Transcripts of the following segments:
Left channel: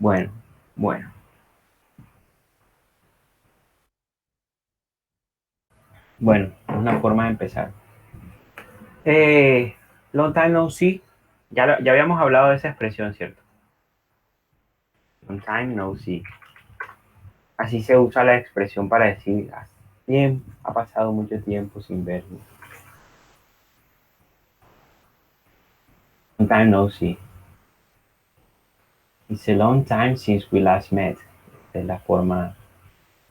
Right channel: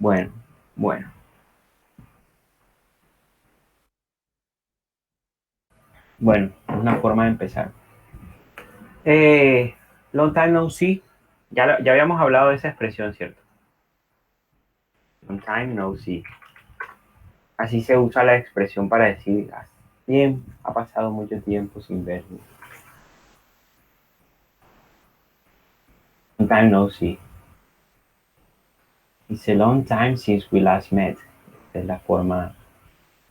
Bueno, bueno, bueno, es una forma de empezar. Eh, Long time no see. Ya habíamos hablado de esa expresión, ¿cierto? Long time no see. Así se usa la expresión para decir, "Ah, bien, ha pasado mucho tiempo sin verlo. Long time no see. It's a long time since we last met. Es la forma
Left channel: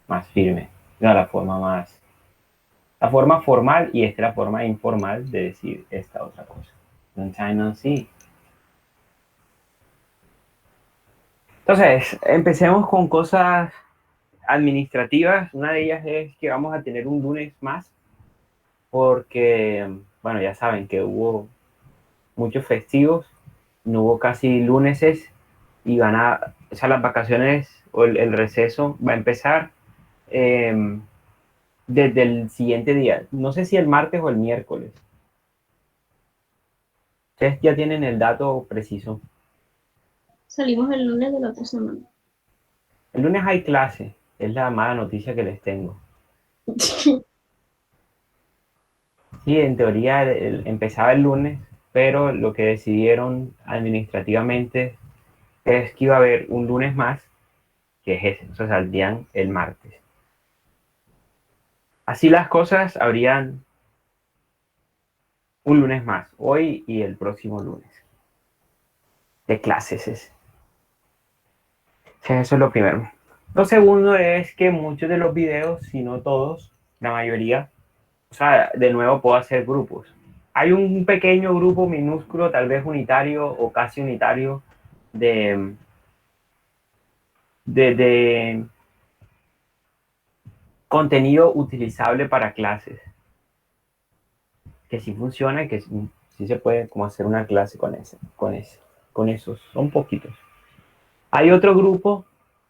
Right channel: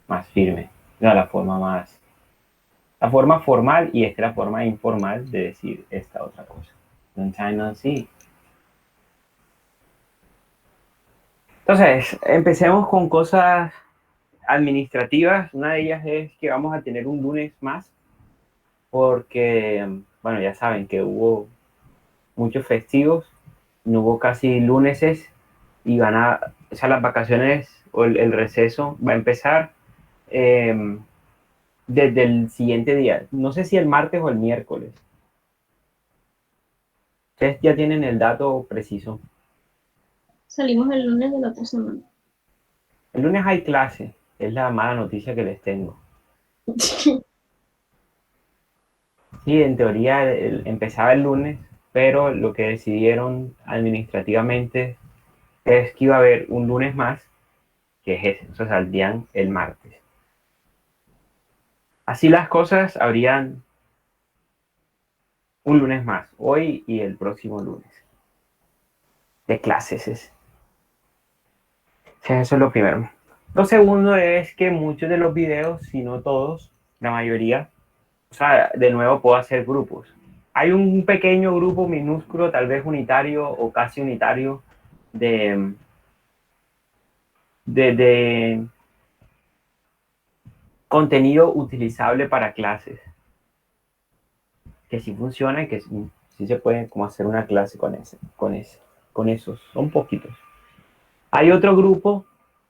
más firme. No, la forma formal y esta es la forma informal de decir esta otra cosa. Long time no see. Entonces, empecemos con cosas administrativas. Una de ellas es que vamos a tener un lunes más porque, bueno, ya saben que hubo muchos festivos, no hubo casi luneses y o sea, las vacaciones o el receso va a empezar eh, desde el siguiente día. No sé si el martes o el miércoles. Ustedes ya tienen el dato preciso. Salimos el lunes de la otra semana. El lunes hay clase, es la mala noticia que les tengo. Sí, en teoría empezaba el lunes, pero lo que decidieron administrativamente es que iba a haber un lunes más, que es ese, o sea, saldrían el martes. Así las cosas, habrían un lunes más, hoy y el próximo lunes, de clases. O sea, eso es lo primero. Lo segundo es que muchos de los videos, si no todos, la mayoría, o sea, de nuevo puedo hacer grupos. Hay un pequeño grupo minúsculo, tal vez unitario o casi unitario, de, de contenido utilizable para clases, que sí funciona, que sí se puede como hacer una clase con esos, son poquitos. Hay otro grupo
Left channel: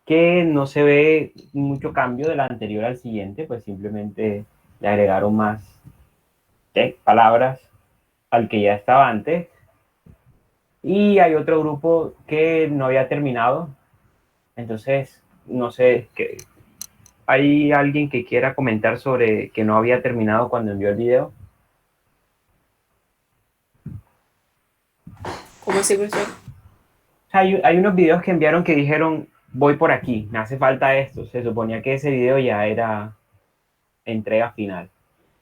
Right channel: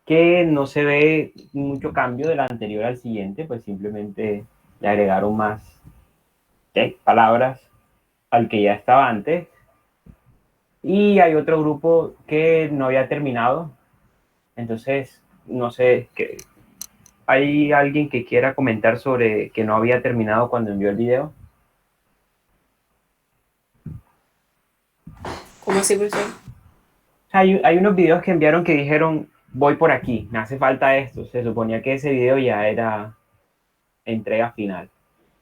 que no se ve mucho cambio del anterior al siguiente, pues simplemente le agregaron más palabras al que ya estaba antes. Y hay otro grupo que no había terminado, entonces no sé, que hay alguien que quiera comentar sobre que no había terminado cuando envió el video. ¿Cómo así, profesor? O sea, hay unos videos que enviaron que dijeron, voy por aquí, me hace falta esto. Se suponía que ese video ya era entrega final,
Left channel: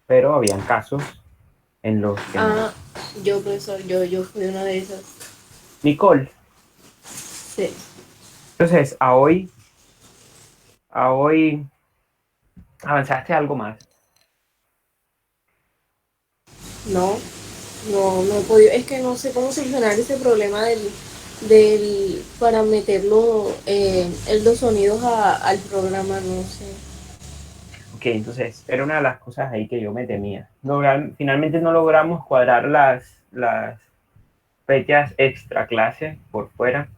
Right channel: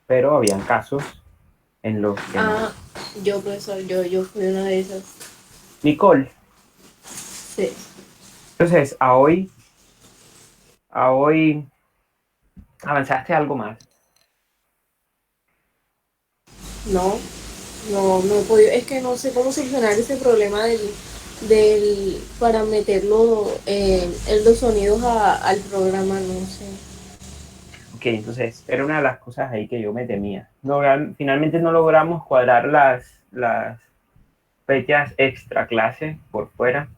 pero habían casos en los que no. Ah, yo, profesor, yo fui una de esas. Nicole, Sí. entonces a hoy avanzaste algo más. No, no he podido. Es que no sé cómo solucionar ese problema para meterlo, los sonidos al programa, no sé. Ok, entonces era una de las cosas ahí que yo me temía. Finalmente no logramos cuadrar las fechas extra clase por fuera.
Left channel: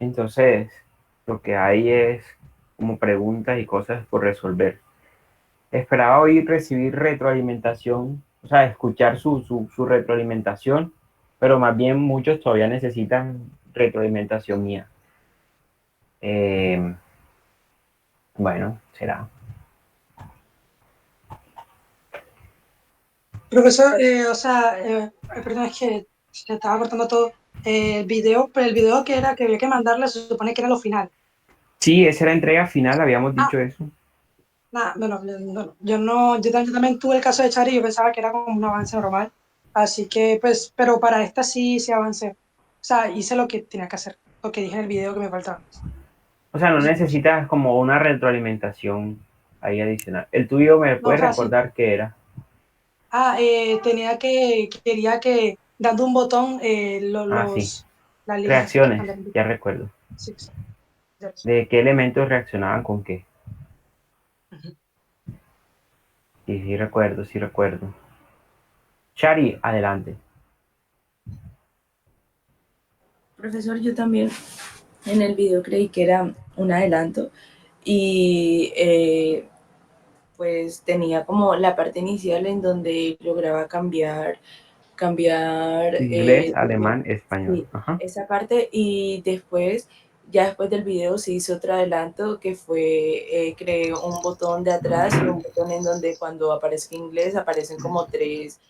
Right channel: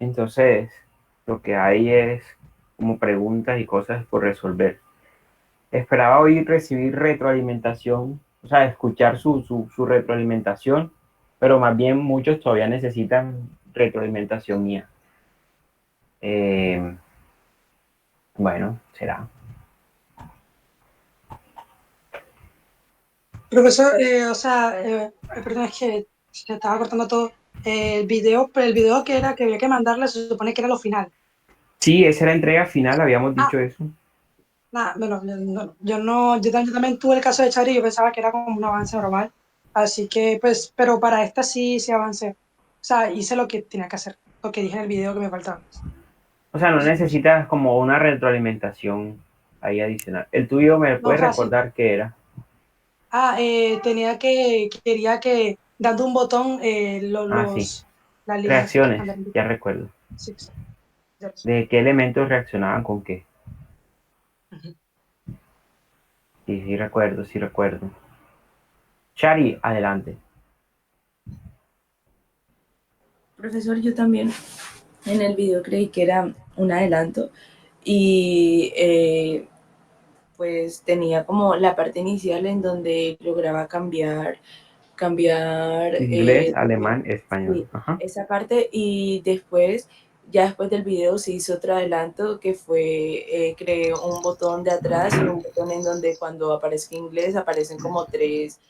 Entonces lo que hay es como preguntas y cosas por resolver. Esperaba hoy recibir retroalimentación, o sea, escuchar su retroalimentación, pero más bien muchos todavía necesitan retroalimentación mía. Eh, bueno, será. Profesor, o sea, perdón, es que se estaba cortando todo. El video, pero el video que era que había que mandarle se supone que era lo final. Sí, esa era la entrega final, habíamos Ah, dicho eso. nada, bueno, yo no, yo también tuve el caso de Chari y yo pensaba que era como un avance normal. Así que, pues, pero para esta sí avancé. O sea, hice lo que tenía que hacer, lo que dije en el video que me faltaba. O sea, no necesitas como una retroalimentación ahí adicional. El tuyo me No, o puedes sea, sí. recordar qué era. Quería que dando un botón, Ah, sí. las líneas. Reacciones, ya recuerdo. Sí, sí. ¿De qué elementos reaccionaban con qué? Ujú. Sí, sí recuerdo, sí recuerdo. Shari, adelante. Profesor, yo también en el video creí que era un adelanto y pues tenía como la parte inicial en donde lograba cambiar Inglés, de, alemán, español. sí, Ajá. esa parte y después ya después del video se hizo otro adelanto que fue, creé un botón de atrás y un botón en donde cuando aparezca inglés aparecen como tres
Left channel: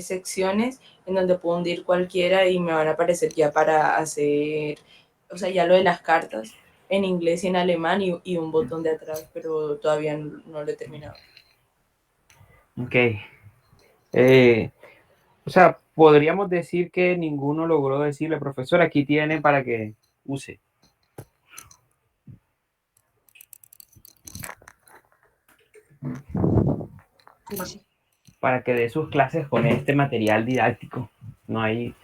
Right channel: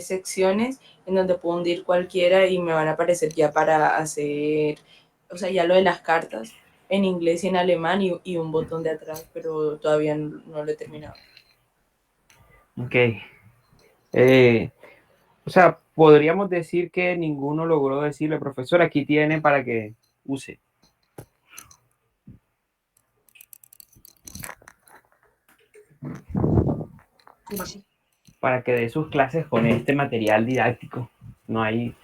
secciones en donde puedo hundir cualquiera y me van a aparecer ya para hacer, o sea, ya lo de las cartas en inglés y en alemán y un botón de atrás, pero todavía no lo he terminado. Ok. O sea, podríamos decir que ninguno logró decirle, profesor, aquí tiene para que use. Sí. Para que dé sus clases con este material didáctico. No hay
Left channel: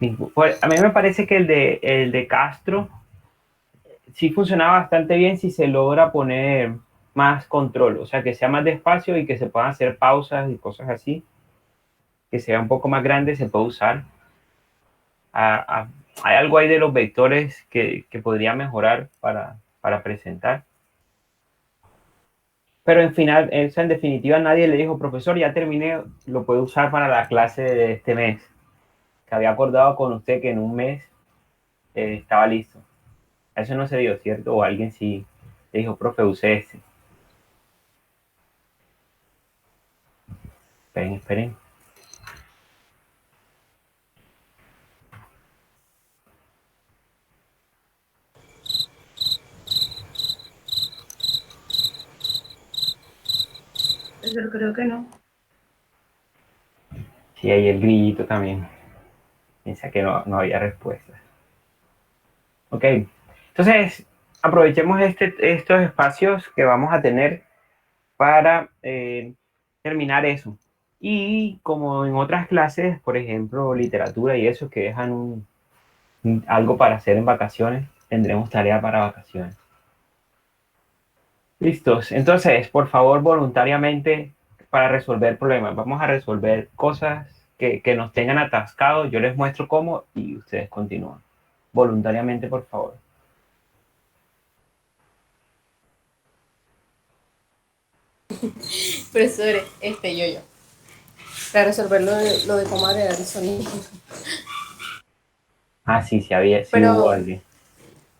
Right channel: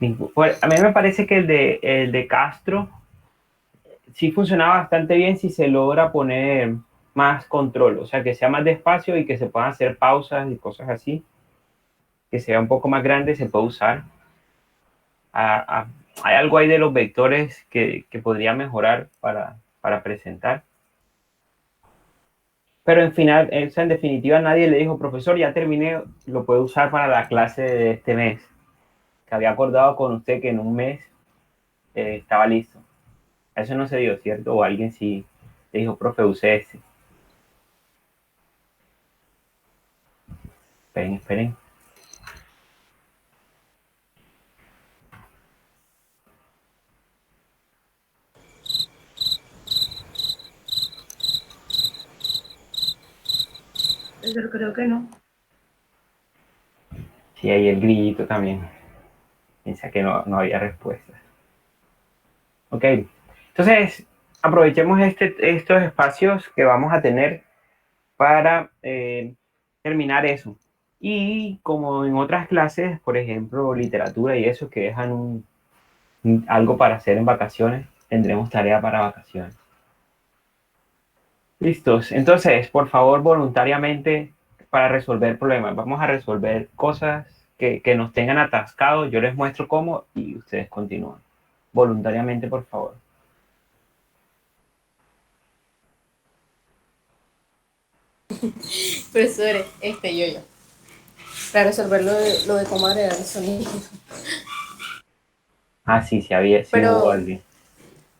ningún... Pues, a mí me parece que el de Castro sí funcionaba bastante bien si se logra poner más control, o sea, que sea más despacio y que se puedan hacer pausas y cosas así, que sea un poco más grande, se puede usar. Hay algo ahí de los vectores que podría mejorar para presentar. Pero en final, en definitiva, nadie le dijo, profesor, ya terminé, lo puede usar para la clase de este mes, que había acordado con usted que en un mes estaba listo. Eso no se dio, ¿cierto? O alguien sí le dijo, profe, use ese. Esperen, esperen. Pero creo que no. Sí, ahí el grillito también. Piensa que no había respuestas. Ok. Entonces, aprovechemos estos espacios que vamos a tener para terminar eso. Y como en otras clases, por ejemplo, literatura y eso, que dejan algo para hacer en vacaciones, tendremos tarea para vacaciones. Listos. Entonces, por favor, voluntariamente, para resolver problemas, vamos a resolver cosas que nos tengan atascados. Yo les muestro cómo y ustedes continúan. Voluntariamente, por favor. Profesor, yo. Para resolver lo de cómo agregar el sonido. Ah, sí, sí hubo Pero, alguien.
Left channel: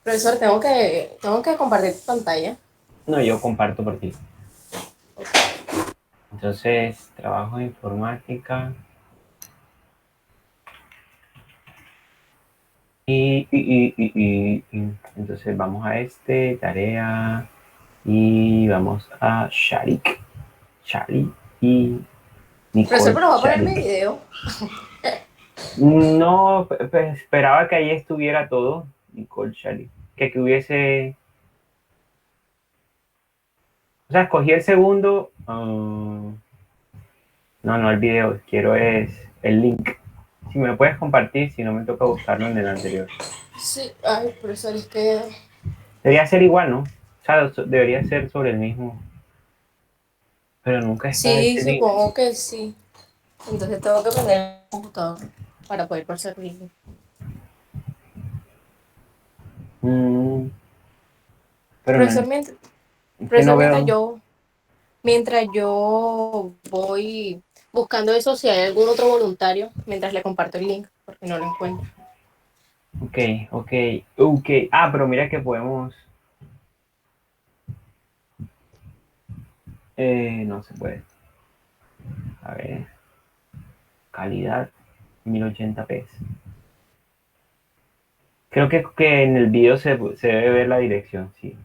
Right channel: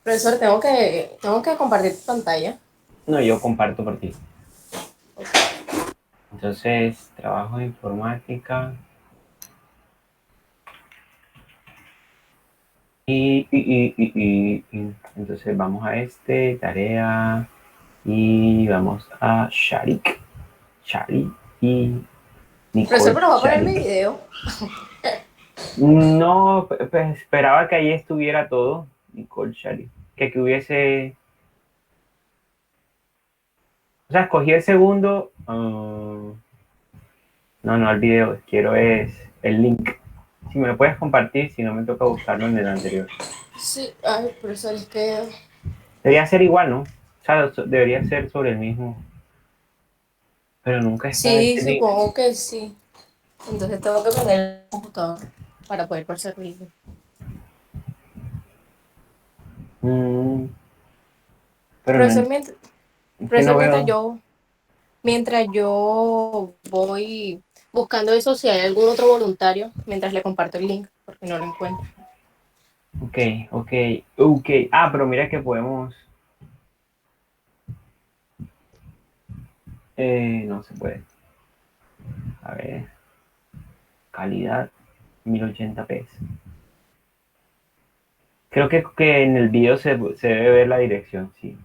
profesor, tengo que compartir tu pantalla. No, yo comparto por ti. Entonces, trabajo de informática. Entonces vamos a tarea, y vamos a Sharik. Sharik y Profesor, Nicole pero va a poner mi Sharik. video. No, pues esperaba que ahí estuviera todo, Nicole Sharik. Que hubiese... O sea, escogí el segundo. No, el video. Quiero es el link. Si me lo puedes compartir, si no me toca buscarlo en el anterior. Sí, ay, profesor, es que Debería ser igual, ¿no? O sea, debería ser sobre el mismo. Pero nunca está sí, ese link. supongo que sí. Entonces tengo que poner el computador para poder pasar video. Mm, pero no, Profesor, es que no profesor, mientras veo. yo, mientras yo voy buscando eso, si hay algún otro voluntario, mientras le comparto el link, porque no lo encuentro. Ok, ok. Ah, pero mira que podemos. No se puede. A ver. Calidad 1080p. Creo que en el video se debe ver la dirección, sí.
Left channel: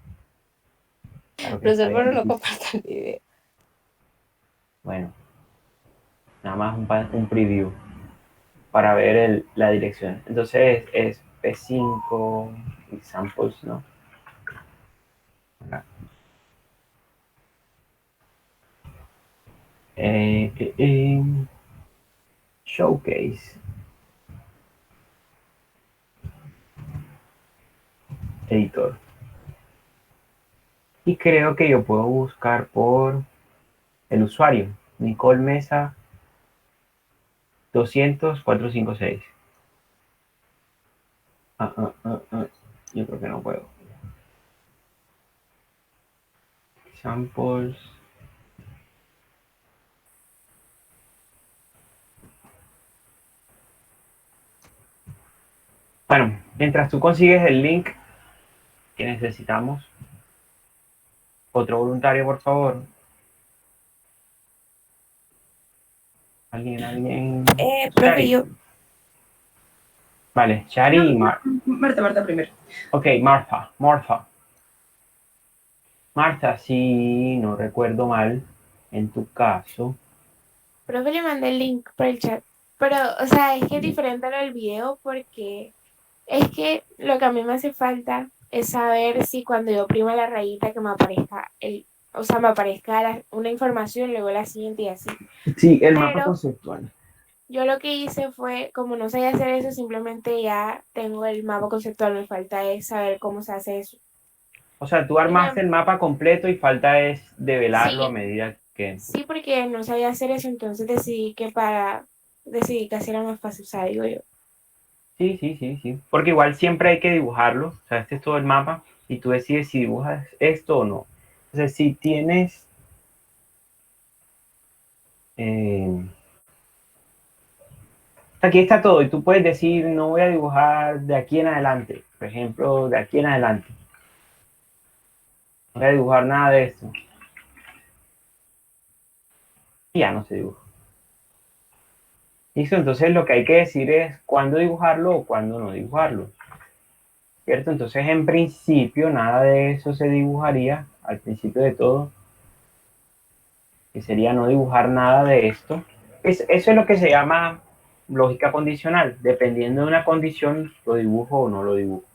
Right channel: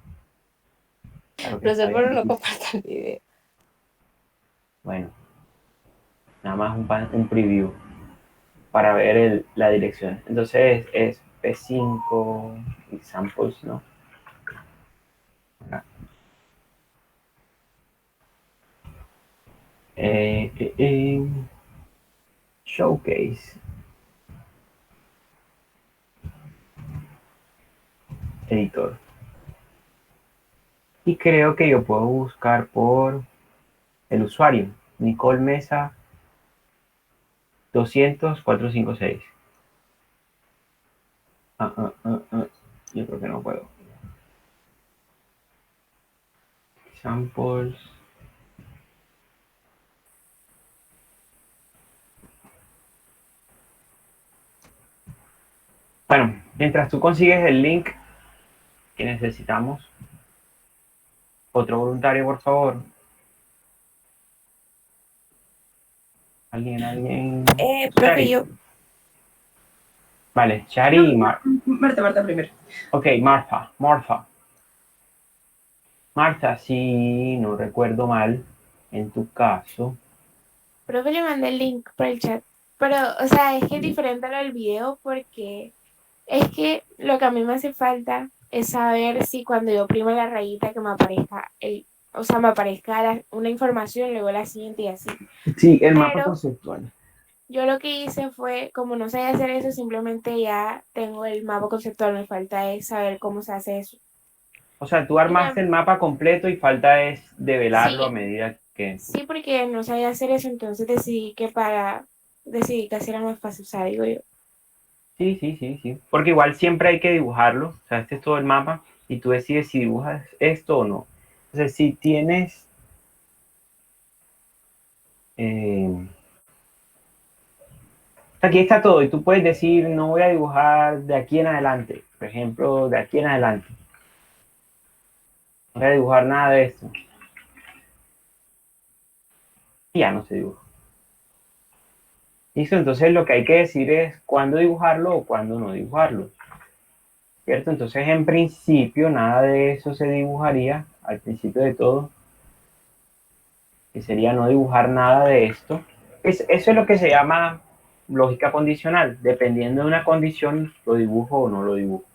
Claro que está Profesor, pero no bien. comparto el video. Bueno, nada más un preview para ver la dirección. Entonces es P5 examples, ¿no? Acá. Eh, eh, eh, Showcase. Editor. Y creo que yo puedo buscar por el usuario. Nicole Mesa 200 456. Ah. Yo creo que no puedo. Samples. Bueno, mientras tú consigues el link, ¿Qué necesitamos? Otro voluntario, por favor. ¿Alguien? Profe, Shari. yo. Vale, Shari y Marta primero. Ok, Marta, si no recuerdo mal, en tu caso, Profe, le mandé el link por el chat. Pero, o sea, es que es diferente a lo del video porque es que lo que a mí me hace falta es saber si cuando yo oprimo la rayita que me aparezca o sea, me aparezca una información, luego la siguiente y así. sí, el mapa Pero conceptual. yo lo que hice fue, como no sabía hacer eso, simplemente ya tengo el mapa conceptual, me falta es saber cómo se hace eso. O sea, tú Y armaste el mapa completo y falta es develarlo a sí, medida que... sí, porque no sabía hacer eso, entonces decidí que así era más fácil, o sea, digo yo. Sí. Porque igual siempre hay que dibujarlo. O sea, este es todo el mapa y tú decides si dibujas esto o no. Entonces, si tienes... aquí está todo y tú puedes decir, no voy a dibujar de aquí en adelante. Por ejemplo, de aquí en adelante. No voy a dibujar nada de esto. Y ya no se dibuja. Listo, entonces lo que hay que decir es cuándo dibujarlo o cuándo no dibujarlo. ¿Cierto? Entonces, en principio, nada de eso se dibujaría al principio de todo, que sería no dibujar nada de esto. Eso es lo que se llama lógica condicional. Dependiendo de una condición, lo dibujo o no lo dibujo.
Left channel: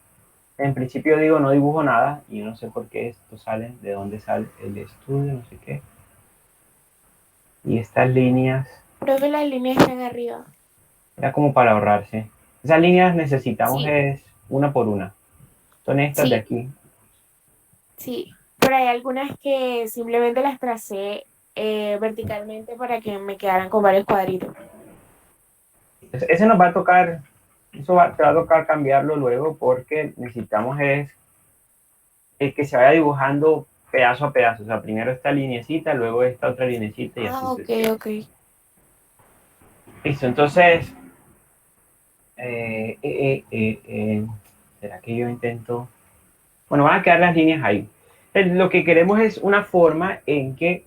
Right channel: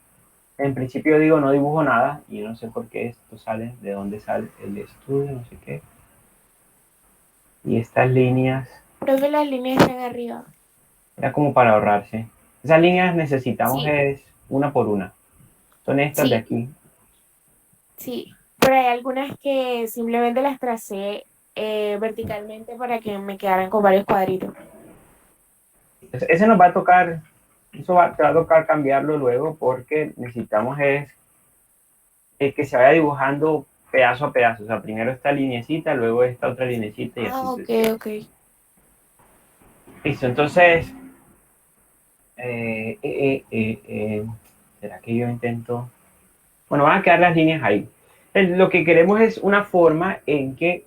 En principio digo no dibujo nada y yo no sé por qué esto sale, de dónde sale el estudio, no sé qué. Y estas líneas, Profe, las líneas están arriba. era como para ahorrarse. Esas líneas necesitamos Sí, es una por una. Son estas de sí, aquí. sí. Pero hay algunas que simplemente las tracé verticalmente para que me quedaran con varios cuadritos. Ese nos va a tocar, te va a tocar cambiarlo luego porque necesitamos es que se vaya dibujando pedazo a pedazo. O sea, primero esta linecita, luego esta otra linecita y así Ah, ok, sucesivamente. ok. Listo, entonces, eh, eh, eh, eh, ¿será que yo intento? Bueno, van a quedar las líneas ahí. Lo que queremos es una forma en que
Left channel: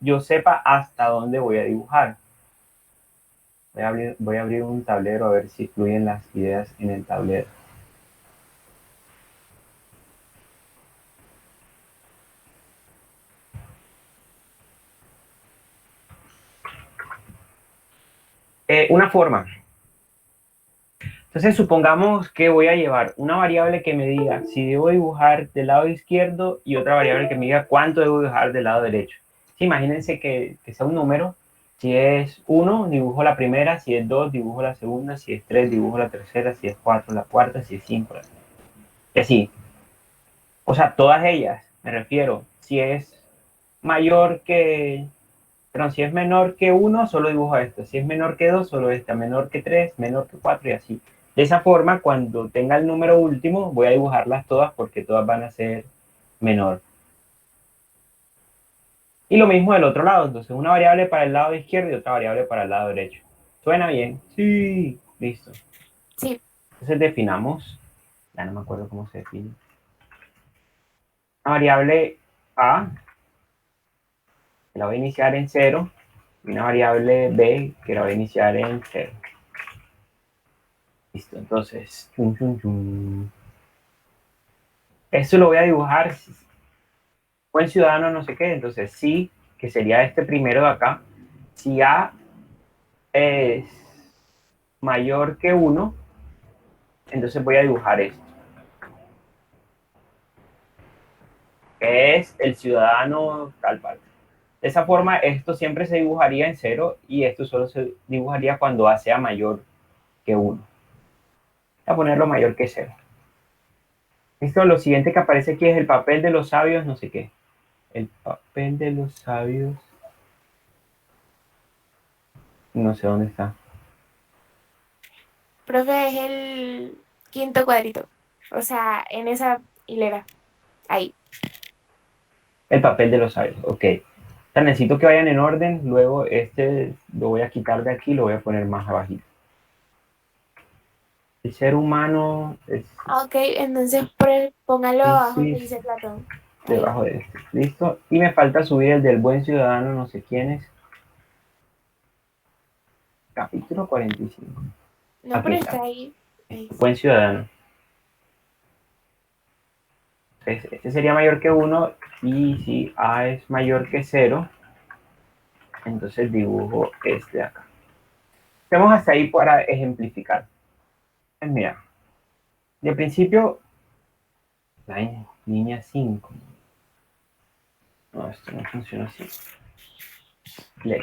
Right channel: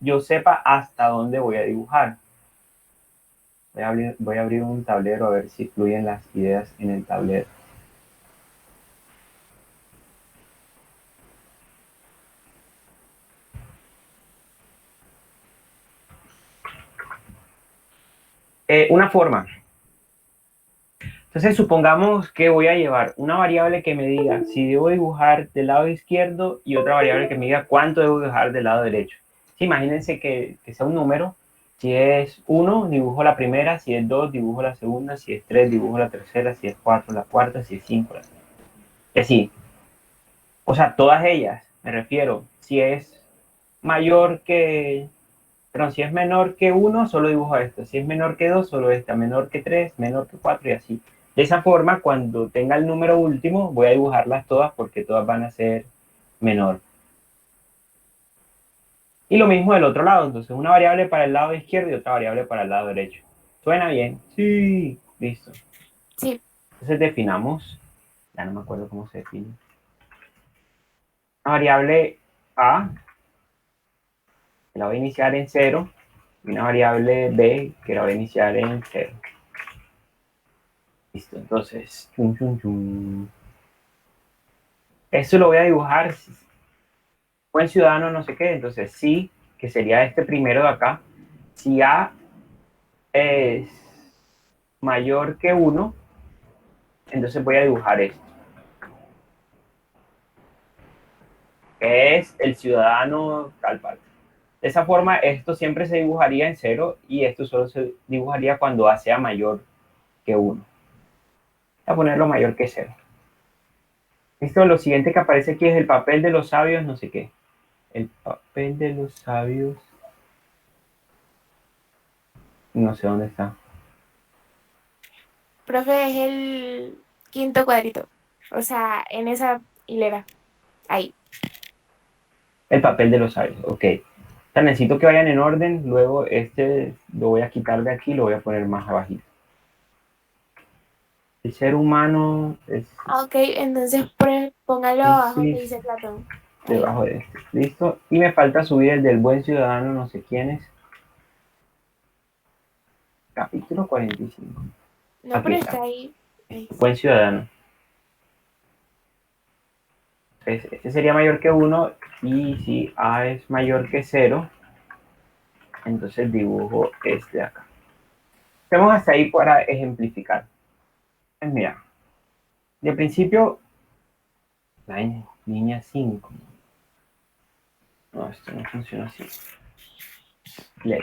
yo sepa hasta dónde voy a dibujar. Voy a abrir un tablero a ver si fluyen las ideas en el tablero. Una forma. Entonces, supongamos que voy a llevar una variable que me diga si debo dibujar del lado izquierdo y otra variable que me diga cuánto debo dibujar del lado derecho. Sí, imagínense que sea un número. Si es 1, dibujo la primera. Si es 2, dibujo la segunda. Si es 3, dibujo la tercera. Si es 4, la cuarta. Si es 5, la... Y así. O sea, todas ellas, me refiero. Si es mayor que... Perdón, si es menor que 1, solo dibujo esto. Si es menor que 2, solo esta. Menor que 3, menor que 4 y así. De esa forma, cuando tenga el número último, voy a dibujarlas todas porque todas van a ser menor. Y lo mismo del otro lado. Entonces, una variable para el lado izquierdo y otra variable para el lado derecho. ¿Suena bien? Sí. Listo. Sí, Entonces definamos, ya no me acuerdo cómo se define. Una variable A, que la voy a iniciar en 0, y una variable B, que la voy a iniciar en 0. Listo, entonces, esto lo voy a dibujar, buen ciudadano, no sé qué, entonces sí, que sería este primero de acá. Si A es mayor que 1, entonces voy a dibujar esto, que es el ciudadano tal parte. De esa forma, esto siempre se dibujaría en 0 y esto solo se dibujaría cuando A sea mayor que 1. Voy a ponerlo mayor que 0. Listo, lo siguiente que aparece aquí es el papel de los sabios, no sé qué. El papel de los sabios. No sé dónde está. profe, es el quinto cuadrito. O sea, en esa hilera. Ahí. El papel de los sabios, ok. O sea, necesito que vayan en orden, luego este lo voy a quitar de aquí y lo voy a poner más abajito. El ser humano es Ok, entonces póngalo abajo que Piscis dice Platón. Ahí. debajo de este. ¿Listo? Y me falta subir el del buen ciudadano, no sé quién es. Capítulo 45. No, Aquí pero está. está ahí. Ahí. Buen ciudadano. Este sería mayor que 1 y si A es mayor que 0, entonces dibujo este de acá. Hacemos hasta ahí para ejemplificar. Pues mira, de principio, la línea 5. No, esto no funciona así. Play.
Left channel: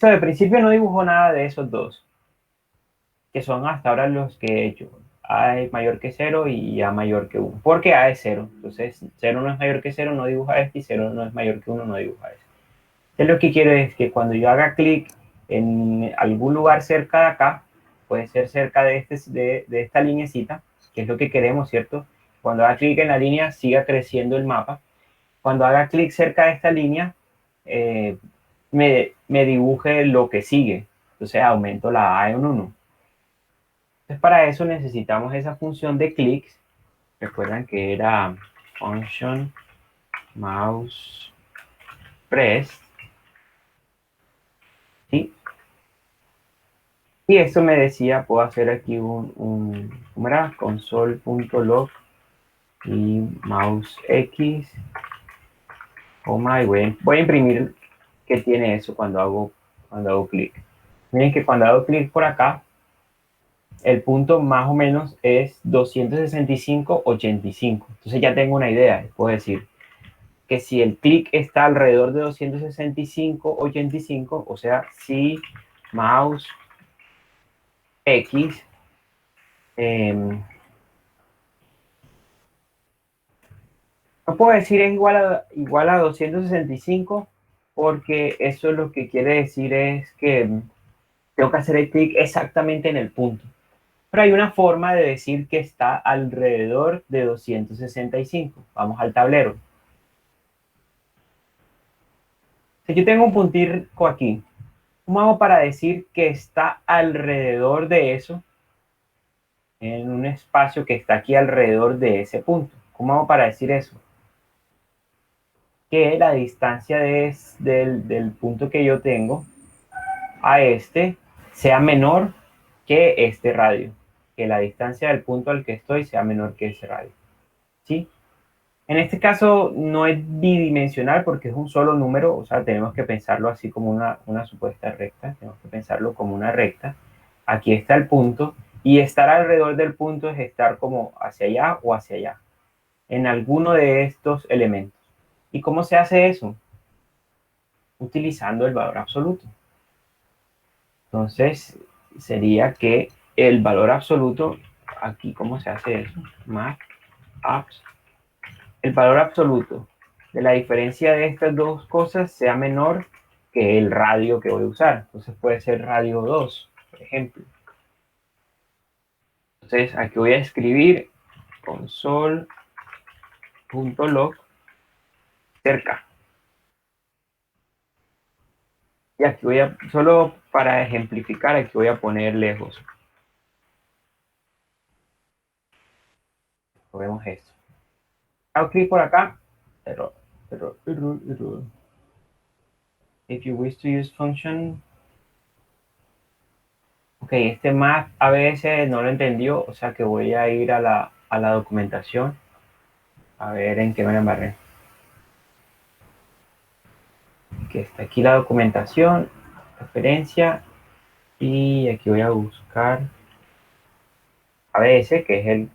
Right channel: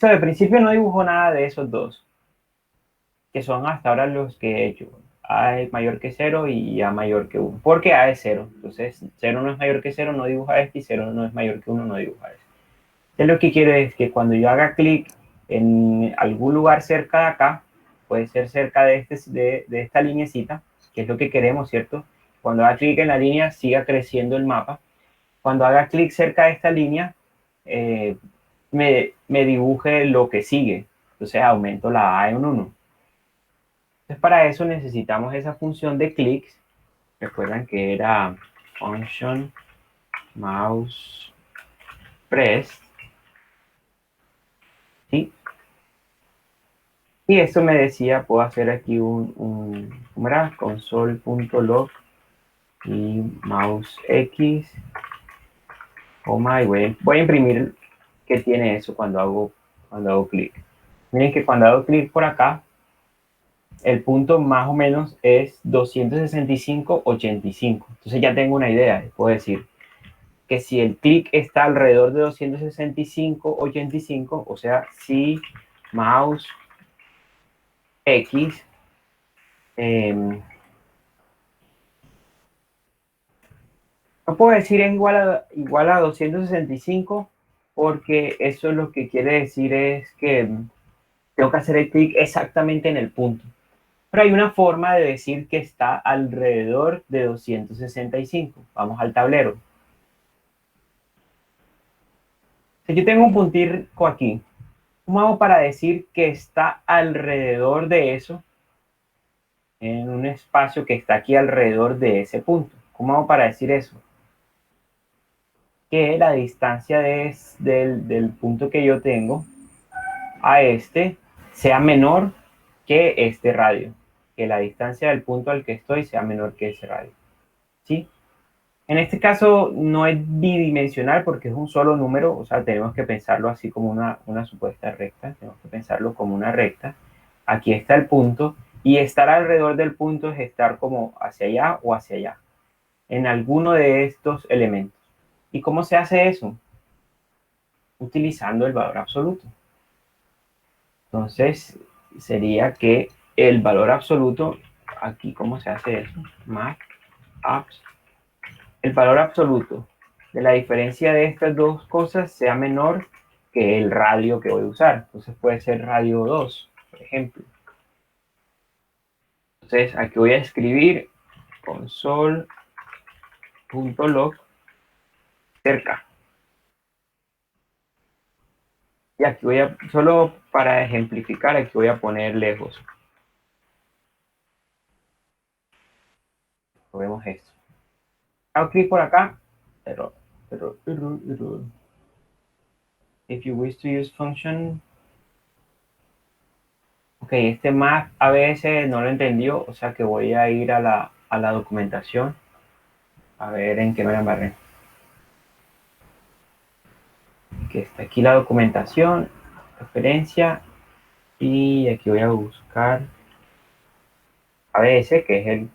So, de principio no dibujo nada de esos dos, que son hasta ahora los que he hecho. A es mayor que 0 y A mayor que 1. Porque A es 0. Entonces, 0 no es mayor que 0, no dibuja este, y 0 no es mayor que 1, no dibuja este. Entonces, lo que quiero es que cuando yo haga clic en algún lugar cerca de acá, puede ser cerca de esta linecita, que es lo que queremos, ¿cierto? Cuando haga clic en la línea, siga creciendo el mapa. Cuando haga clic cerca de esta línea, eh, me dibuje lo que sigue. Entonces, aumento la A en 1. Entonces, para eso necesitamos esa función de clics. Recuerdan que era function mouse press, ¿sí? Y esto me decía, puedo hacer aquí ¿cómo era? Console.log y mouse X, coma, y voy a imprimir que tiene eso cuando hago clic. Miren que cuando hago clic por acá, el punto más o menos es 265,85. Entonces ya tengo una idea. Puedo decir que si el clic está alrededor de 265,85, o sea, si mouse X no puedo decir es igual a 265 porque eso es lo que quiere decir es que tengo que hacer el clic exactamente en el punto. Pero hay una forma de decir que está alrededor de 265. Vamos al tablero. Si yo tengo un puntico aquí, ¿cómo hago para decir que está alrededor de eso? En un espacio que está aquí alrededor de ese punto. ¿Cómo hago para decir eso? Que la distancia del punto que yo tengo a este sea menor que este radio. Que la distancia del punto al que estoy sea menor que ese radio. ¿Sí? En este caso no es bidimensional porque es un solo número, o sea, tenemos que pensarlo así como una supuesta recta, tenemos que pensarlo como una recta. Aquí está el punto y estar alrededor del punto es estar como hacia allá o hacia allá, en alguno de estos elementos. ¿Y cómo se hace eso? Utilizando el valor absoluto. Entonces, sería que el valor absoluto, aquí, ¿cómo se hace eso? Más apps. El valor absoluto de la diferencia de estas dos cosas sea menor que el radio que voy a usar. Entonces puede ser radio 2, por ejemplo. Entonces aquí voy a escribir console.log cerca. Y aquí voy a, solo para ejemplificar, aquí voy a poner lejos. Vemos esto. Hago clic por acá. Error. If you wish to use function. Ok, este más a veces no lo entendió, o sea que voy a ir a la documentación a ver en qué me embarré. Que está aquí la documentación, referencia, y aquí voy a buscar ABS, que es el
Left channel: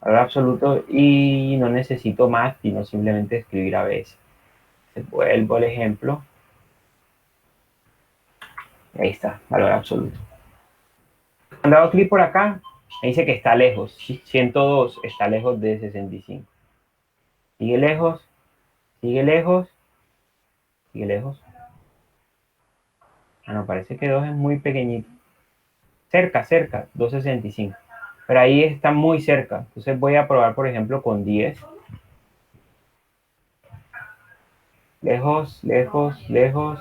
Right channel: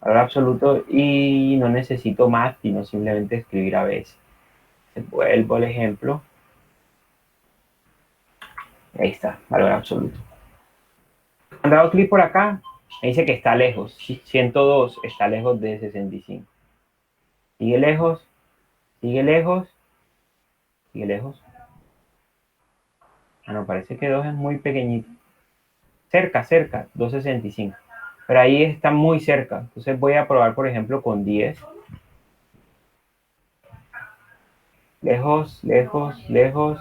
valor absoluto, y no necesito más, sino simplemente escribir ABS. Vuelvo al ejemplo. Ahí está, valor absoluto. Cuando hago clic por acá, me dice que está lejos. 102 está lejos de 65. Sigue lejos, sigue lejos, sigue lejos. Ah, no, parece que 2 es muy pequeñito. Cerca, 265. Pero ahí está muy cerca. Entonces voy a probar, por ejemplo, con 10. Lejos, lejos, lejos.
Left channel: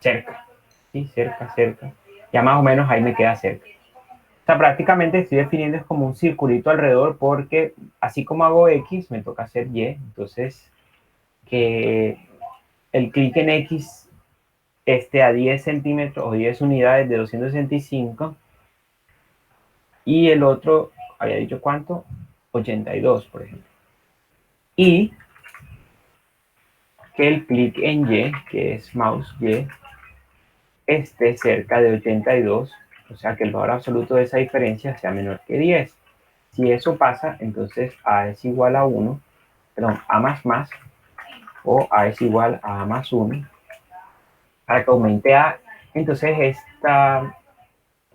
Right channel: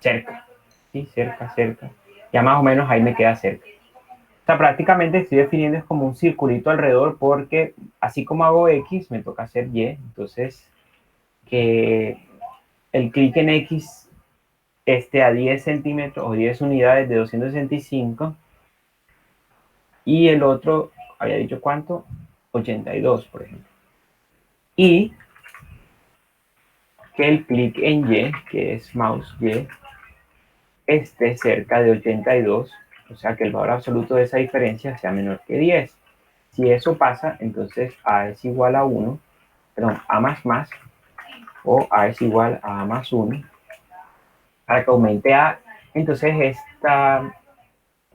Cerca. Sí, cerca, cerca. Ya más o menos ahí me queda cerca. O sea, prácticamente estoy definiendo es como un circulito alrededor porque así como hago X, me toca hacer Y. Entonces, que el clic en X esté a 10 centímetros o 10 unidades de 265 y el otro, había dicho cuánto, 82, por ejemplo. Y que el clic en Y, que es mouse Y, esté cerca de 82, o sea que el valor absoluto de esa diferencia sea menor que 10. Si eso pasa, entonces A es igual a 1, perdón, A más, o A es igual a A más 1, para que aumente A, entonces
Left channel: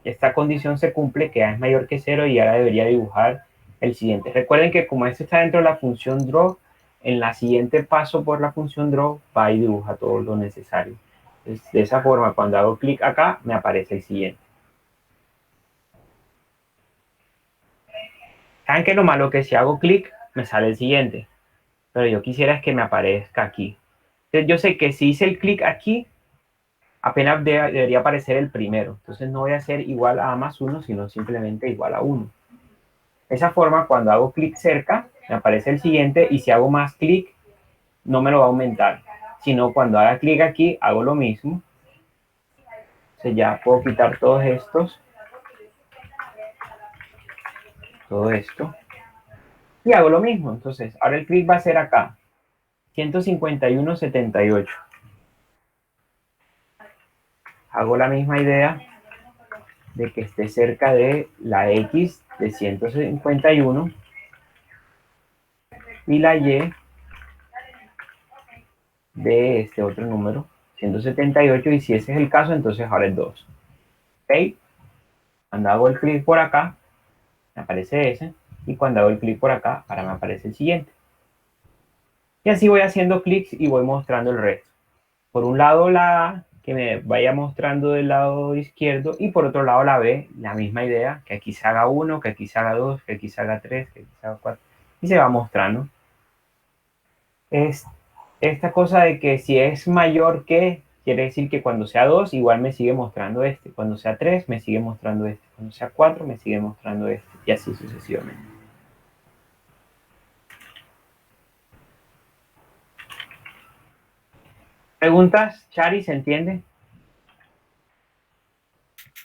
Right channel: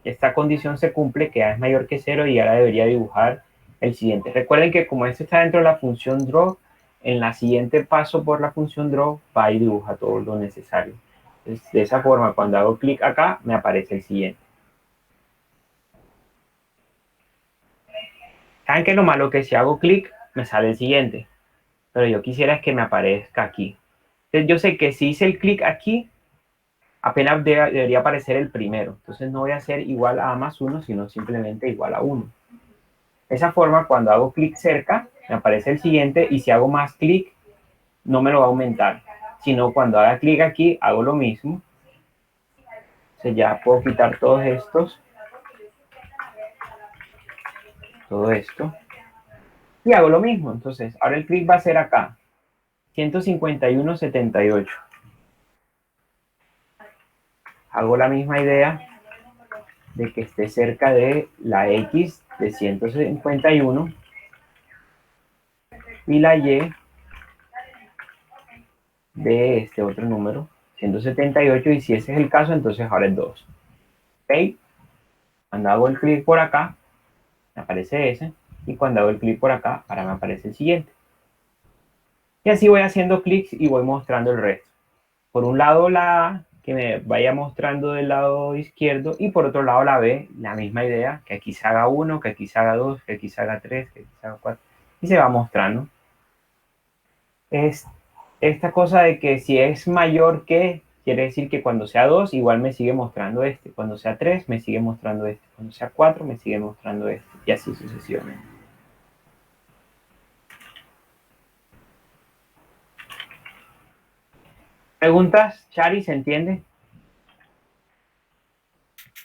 esta condición se cumple, que A es mayor que 0 y ahora debería dibujar el siguiente. Recuerden que como esto está dentro de la función draw, en la siguiente paso por la función draw va y dibuja todo lo necesario. Entonces, de esa forma, cuando hago clic acá, me aparece el siguiente. ¿Saben qué es lo malo? Que si hago clic, me sale el siguiente. Pero yo quisiera es que me aparezca aquí. Entonces, yo sé que si hice el clic aquí, apenas debería aparecer el primero. Entonces no voy a hacer igual a más 1, sino simplemente igual a 1. De esa forma, cuando hago clic cerca, me aparece el siguiente y si hago más clic, no me lo va a aumentar. Sino cuando haga clic aquí, hago lo mismo. Entonces ya puedo quitar todos estos. Todo esto. Y hago lo mismo. Entonces, ahora el clic va a ser acá. 151,78. Hago la misma idea de que esté cerca de la X de 151 y la Y de este otro número, 178, y si ese es el caso, entonces ahora es 2. ¿Ok? Cuando hago el clic por acá, me aparece ese, y cuando hago el clic por acá, ahora me aparece el siguiente. Y así voy haciendo clics y voy mostrando el resto. Por un lado la A, que me vaya mostrando del lado izquierdo, y por otro lado la B, la misma idea, que aquí se haga 1, que aquí se haga 2, que aquí se haga 3, que aquí se haga 4, y se va mostrando. Es esta cosa de que si es mayor que, quiere decir que cuando sea 2, igual me sigue mostrando este. Cuando sea 3, me sigue mostrando este. Cuando sea 4, me sigue mostrando este. Y así sucesivamente. ¿Preguntas, Chari? ¿Se entiende?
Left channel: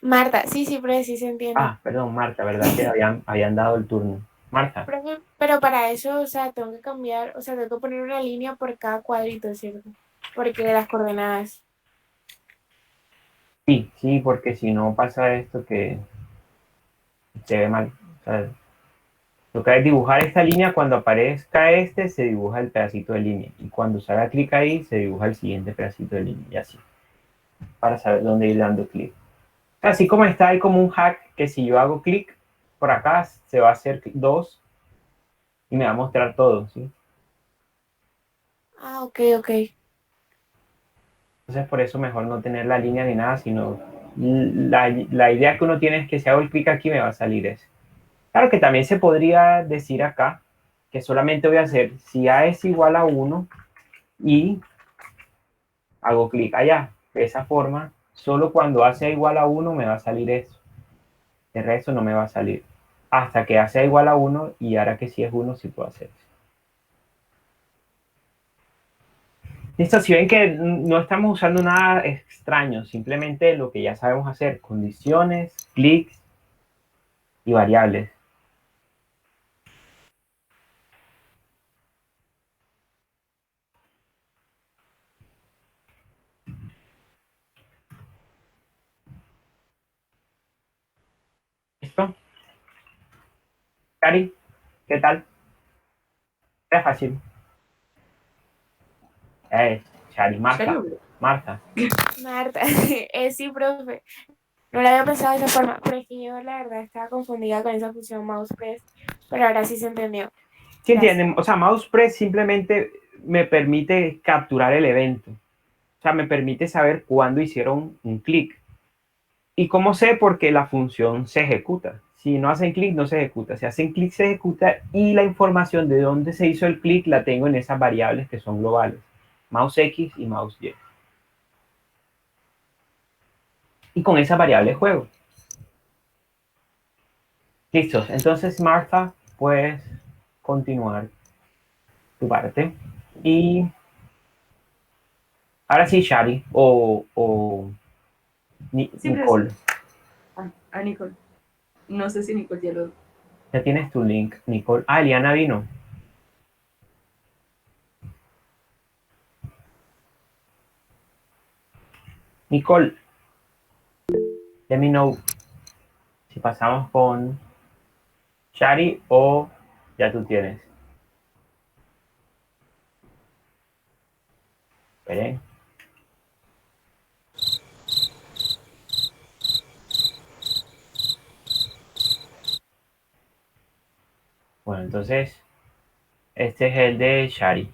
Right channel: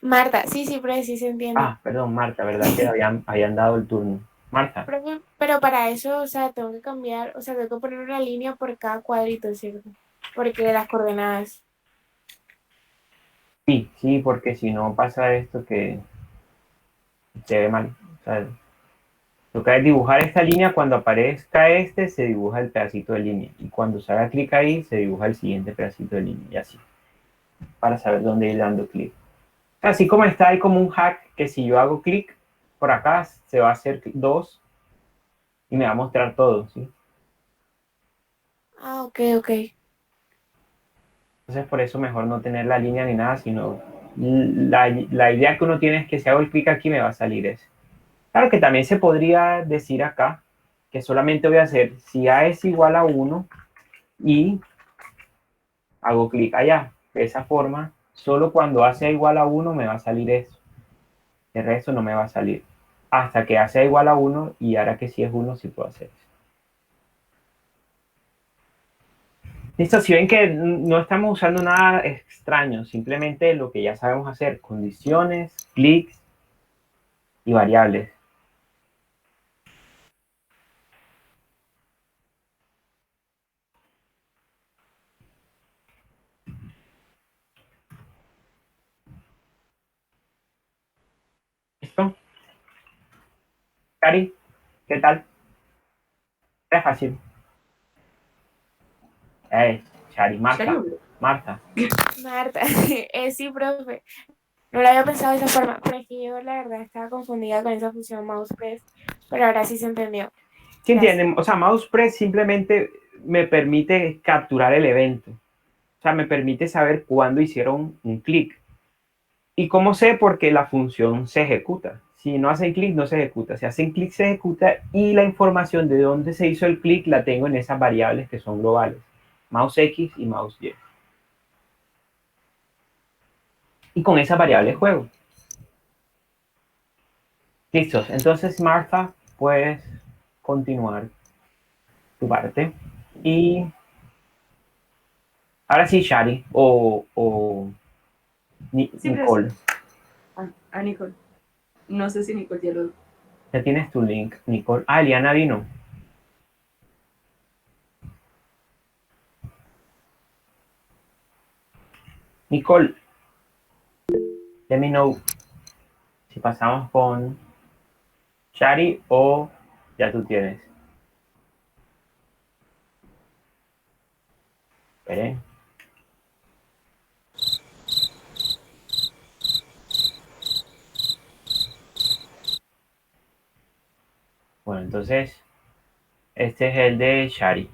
Marta, sí, sí, pero sí se entiende. Ah, perdón, Marta, ¿verdad que habían dado el turno? Marta. Pero para eso, o sea, tengo que cambiar, o sea, tengo que poner una línea por cada cuadrito, ¿cierto? Porque las coordenadas. Sí, sí, porque si no pasa esto que se ve mal. O sea, lo que es dibujar esta línea, cuando aparezca este, se dibuja el pedacito de línea. Y cuando se haga clic ahí, se dibuja el siguiente pedacito de línea. Y así, para saber dónde ir dando clic. Así como está, hay como un hack que si yo hago clic por acá, se va a hacer 2 y me va a mostrar todo, ¿sí? Ah, ok, ok. Entonces por eso mejor no tener la línea ni nada, sino la idea que uno tiene es que si hago el clic aquí me va a salir ese. Claro que también se podría decir acá que solamente voy a hacer si A es igual a 1 y hago clic allá. De esa forma, solo cuando A sea igual a 1 me va a salir eso. El resto no me va a salir. Hasta que A sea igual a 1 y ahora que si es 1 sí puedo hacer eso. Listo, si ven que no estamos usando nada extraño, simplemente lo que ya sabemos hacer, condiciones, clics y variables. ¿Listo? Cari, ¿qué tal? Era fácil. Chari, Marta, Charo. Marta. Marta, sí, profe. No lo había pensado de esa forma, pero es que yo la verdad estaba confundida con esa función mouse press, pero ahora sí se entendió. ¿Sí Gracias. entienden? O sea, mouse press simplemente me permite capturar el evento. O sea, me permite saber cuándo hicieron un clic. ¿Y cómo sé? Porque la función se ejecuta. Si no hacen clic, no se ejecuta. Si hacen clic, se ejecuta y la información de dónde se hizo el clic la tengo en esas variables que son globales. Mouse X y mouse Y. Y con esa variable juego. Listos. Entonces, Martha, puedes continuar tu parte. Y ahora sí, Shari o Sí, Nicole. a Nicole. No sé si Nicole ya lo... Ya tienes tu link, Nicole. Ah, Eliana vino. Nicole, let me know si pasamos con Shari o ya tú tienes. Esperen. Bueno, entonces, este es el de Shari.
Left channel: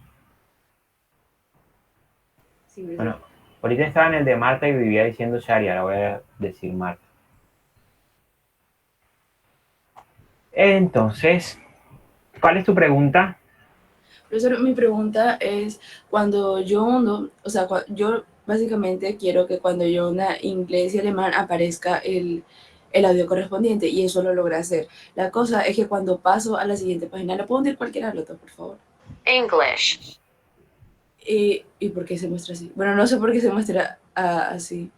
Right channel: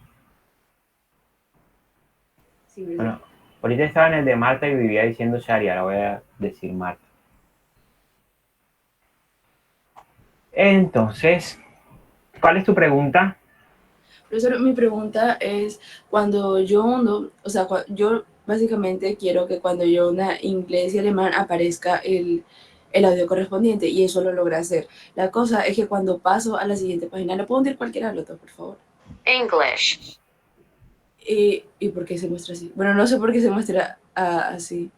Sí, ¿verdad? Bueno, ahorita estaba en el de Marta y vivía diciendo Shari, ahora voy a decir Marta. Entonces, ¿cuál es tu pregunta? Profesor, mi pregunta es, cuando yo hundo, o sea, yo básicamente quiero que cuando yo una inglés y alemán aparezca el audio correspondiente y eso lo logra hacer. La cosa es que cuando paso a la siguiente página, ¿le puedo hundir cualquiera de los dos, por favor? English, ¿Y por qué se muestra así? Bueno, no sé por qué se muestra así.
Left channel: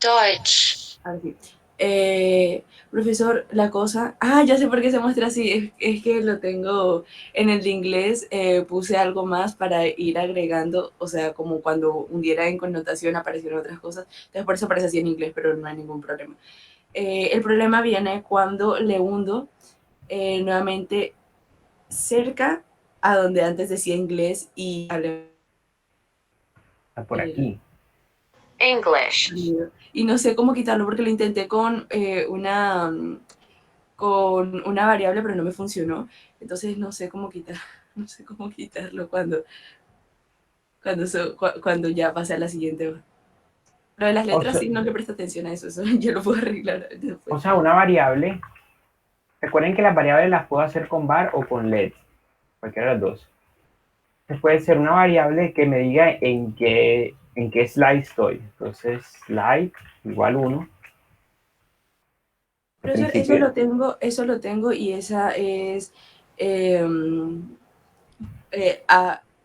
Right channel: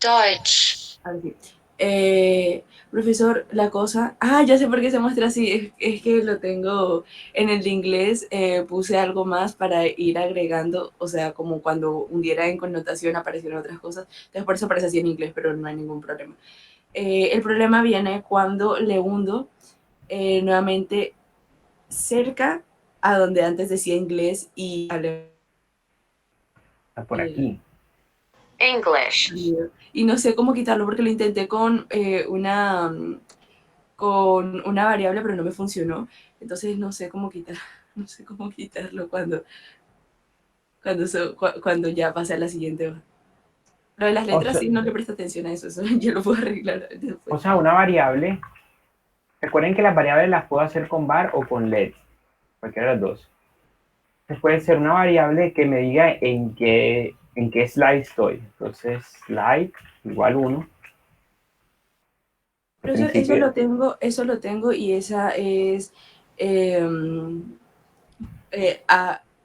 Deutsch, Así. Profesor, la cosa. Ya sé por qué se muestra así. Es que lo tengo en el de inglés. Puse algo más para ir agregando. O sea, como cuando hundiera en connotación aparecieron otras cosas. Entonces, por eso aparece así en inglés, pero no hay ningún problema. El problema viene cuando le hundo nuevamente cerca a donde antes decía inglés y Está por aquí. English, y no sé cómo quitarlo porque lo intenté con una variable, pero no me funcionó. Entonces no sé cómo quitar, no sé cómo quitarlo cuando ya pase a la siguiente hoja. Lo de las O letras sea, sí no le presto atención a eso, eso yo lo puedo arreglar o después. sea, una variable. Recuerden que las variables las puedo hacer con var o con let. Cualquiera de las dos. Entonces puede ser una variable que me diga en qué slide estoy. Entonces, slide igual 1. Al Profesor, principio. eso lo tengo y esa es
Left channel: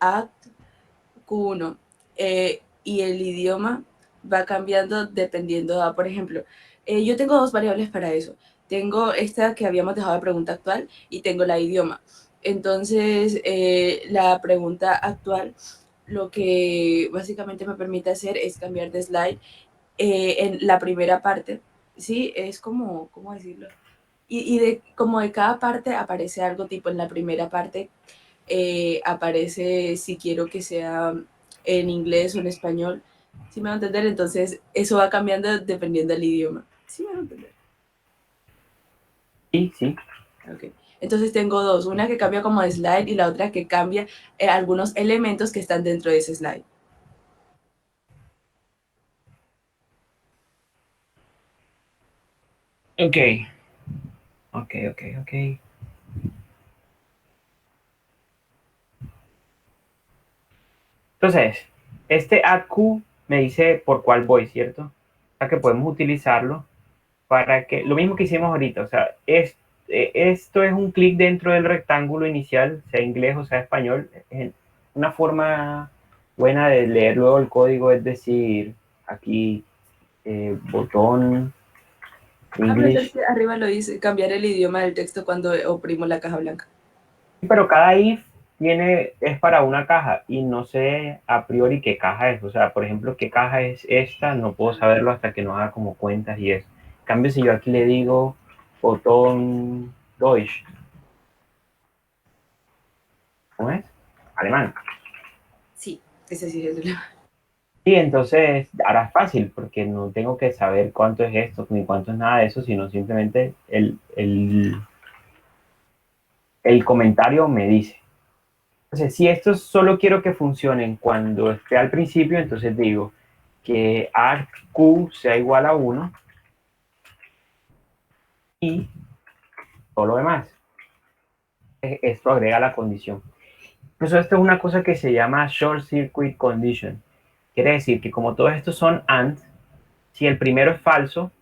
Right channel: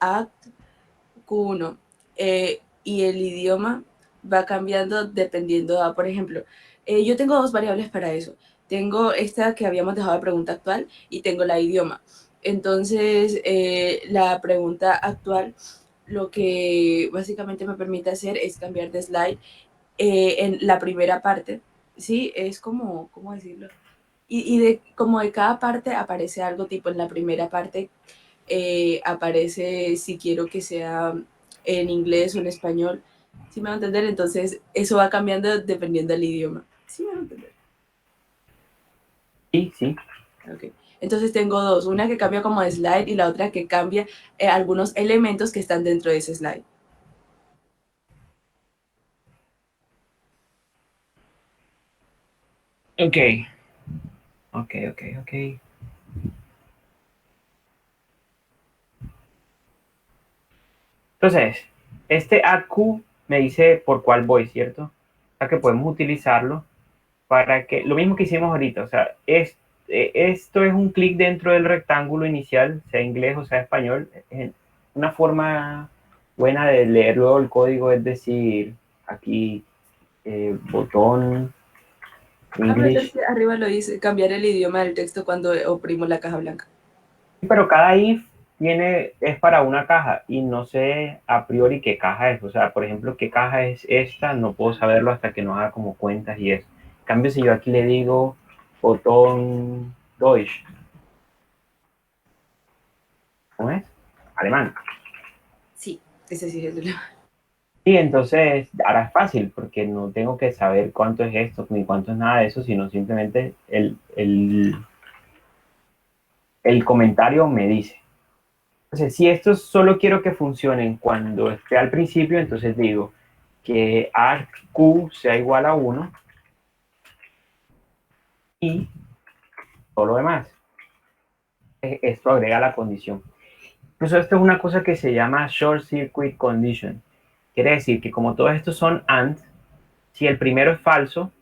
Act Q1. Y el idioma va cambiando dependiendo por ejemplo, yo tengo dos variables para eso. Tengo esta que habíamos dejado de pregunta actual y tengo la idioma. Entonces, la pregunta actual lo que básicamente me permite hacer es cambiar de slide en la primera parte. Sí, es como, ¿cómo decirlo? Como de cada parte aparece algo tipo en la primera parte aparece si quiero que sea en inglés o en español. ¿Sí me va a entender? Entonces, eso va cambiando dependiendo del idioma. ¿Sí me va a entender? Sí, sí. Ok. Entonces tengo dos, una que cambia como de slide y la otra que cambia algunos elementos que están dentro de ese slide. Ok. Ok, ok, ok. Entonces, este AdQ me dice por cuál voy, ¿cierto? O sea que podemos utilizarlo para que, lo mismo que hicimos ahorita, o sea, esto es un clic dentro del rectángulo inicial, sea inglés o sea español. Una forma buena de leer luego el código es decir, aquí botón Pero es English, que arriba lo dice, cambiar el idioma del texto cuando oprimo la caja blanca. pero cada if es para una caja y no sé a priori qué caja es. O sea, por ejemplo, qué caja es esta, no puedo saberlo hasta que no haga como cuentas y eso. En cambio, si yo aquí le digo botón Deutsch, ¿cómo es? Alemán. Sí, ese sí es el Y entonces ahora es fácil porque no tengo que saber cuánto es esto ni cuánto es nada de eso, sino simplemente el comentario me dice. Entonces, si esto solo quiero que funcionen cuando esté al principio, entonces digo que AQ sea igual a 1 y todo lo demás. Esto agrega la condición. Incluso esto es una cosa que se llama Short Circuit Condition. Quiere decir que como todos estos son AND, Si el primero es falso,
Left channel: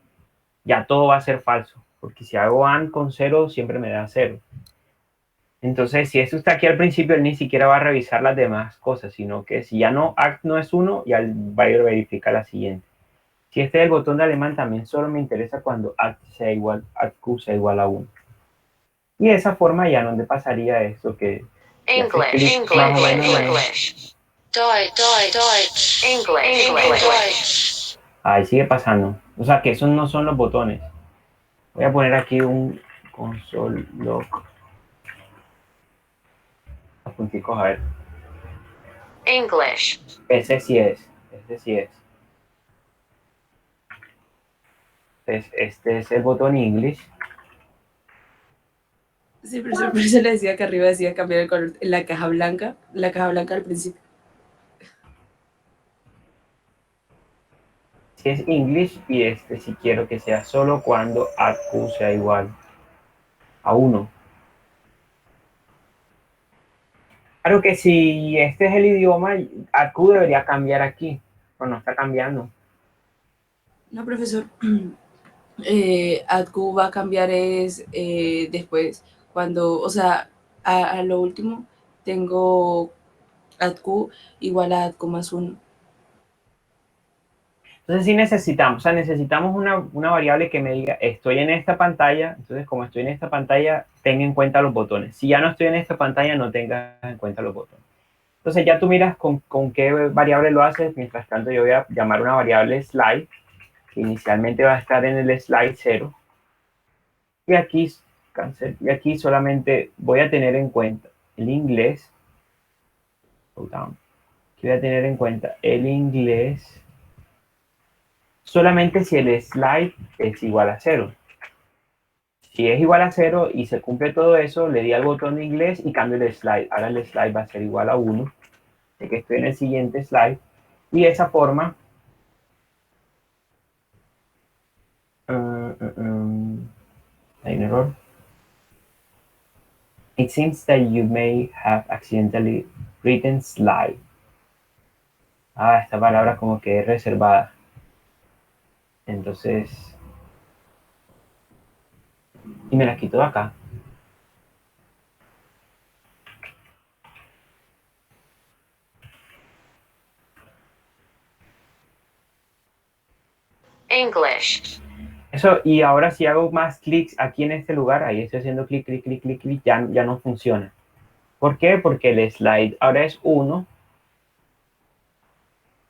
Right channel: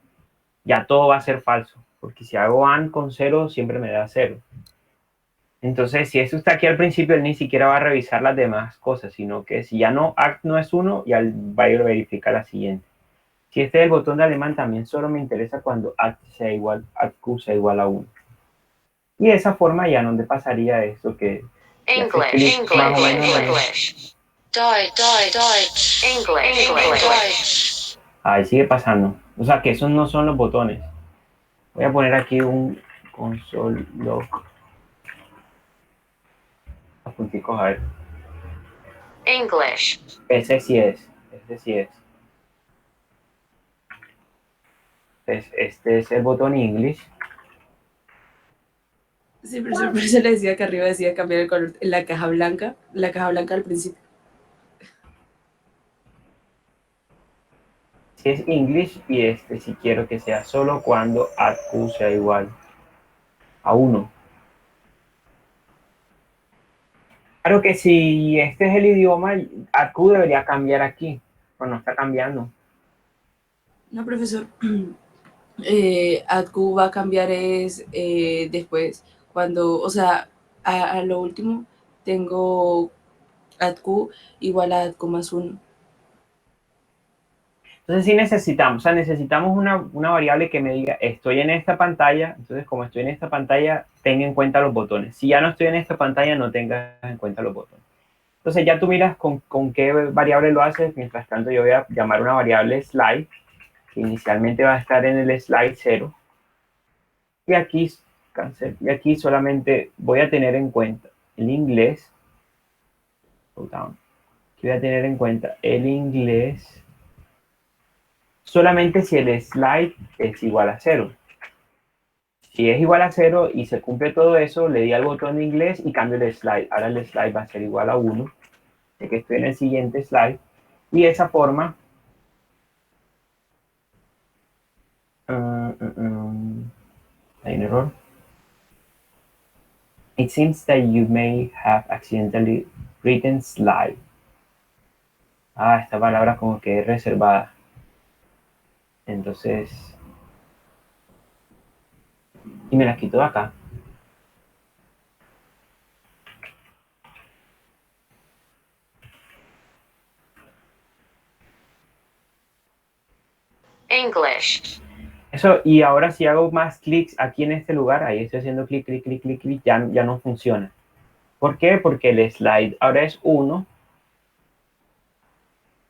ya todo va a ser falso, porque si hago AND con 0, siempre me da 0. Entonces, si esto está aquí al principio, él ni siquiera va a revisar las demás cosas, sino que si ya no ACT no es 1, ya va a ir a verificar la siguiente. Si este es el botón de alemán, también solo me interesa cuando ACT sea igual, ACT sea igual a 1. Y de esa forma ya no le pasaría esto que English, más o menos English, Deutsch, English. ahí sigue pasando. O sea que esos no son los botones. Voy a poner aquí un console log. Los punticos, a ver. English, Ese sí es. Este sí es. Entonces, este es el botón English. Sí, pero por eso le decía que arriba decía cambiar el color, la caja blanca al principio. Si es English y este si quiero que sea solo cuando AQ sea igual a 1. Claro que si este es el idioma, AQ debería cambiar aquí, pero no está cambiando. No, profesor. AdQ va a cambiar es después, cuando, o sea, a lo último tengo AdQ igual a AdQ más 1. Entonces sí necesitamos, o sea, necesitamos una variable que me diga, estoy en esta pantalla, entonces como estoy en esta pantalla, tenga en cuenta los botones. Si ya no estoy en esta pantalla, no tengas en cuenta los botones. Entonces ya tú miras con qué variable lo haces, mientras tanto yo voy a llamar una variable slide, que inicialmente va a estar en el slide 0, y aquí, y aquí solamente voy a tener en cuenta el inglés, voy a tener en cuenta el inglés, solamente si el slide es igual a 0. Si es igual a 0 y se cumple todo eso, le di al botón de inglés y cambio el slide. Ahora el slide va a ser igual a 1, de que estoy en el siguiente slide. Y de esa forma, hay un error. It seems that you may have accidentally written slide. Esta palabra como que es reservada. Entonces, y me la quito de acá. English, Eso, y ahora si hago más clics aquí en este lugar, ahí estoy haciendo clic, clic, clic, clic, clic, ya no funciona. ¿Por qué? Porque el slide ahora es 1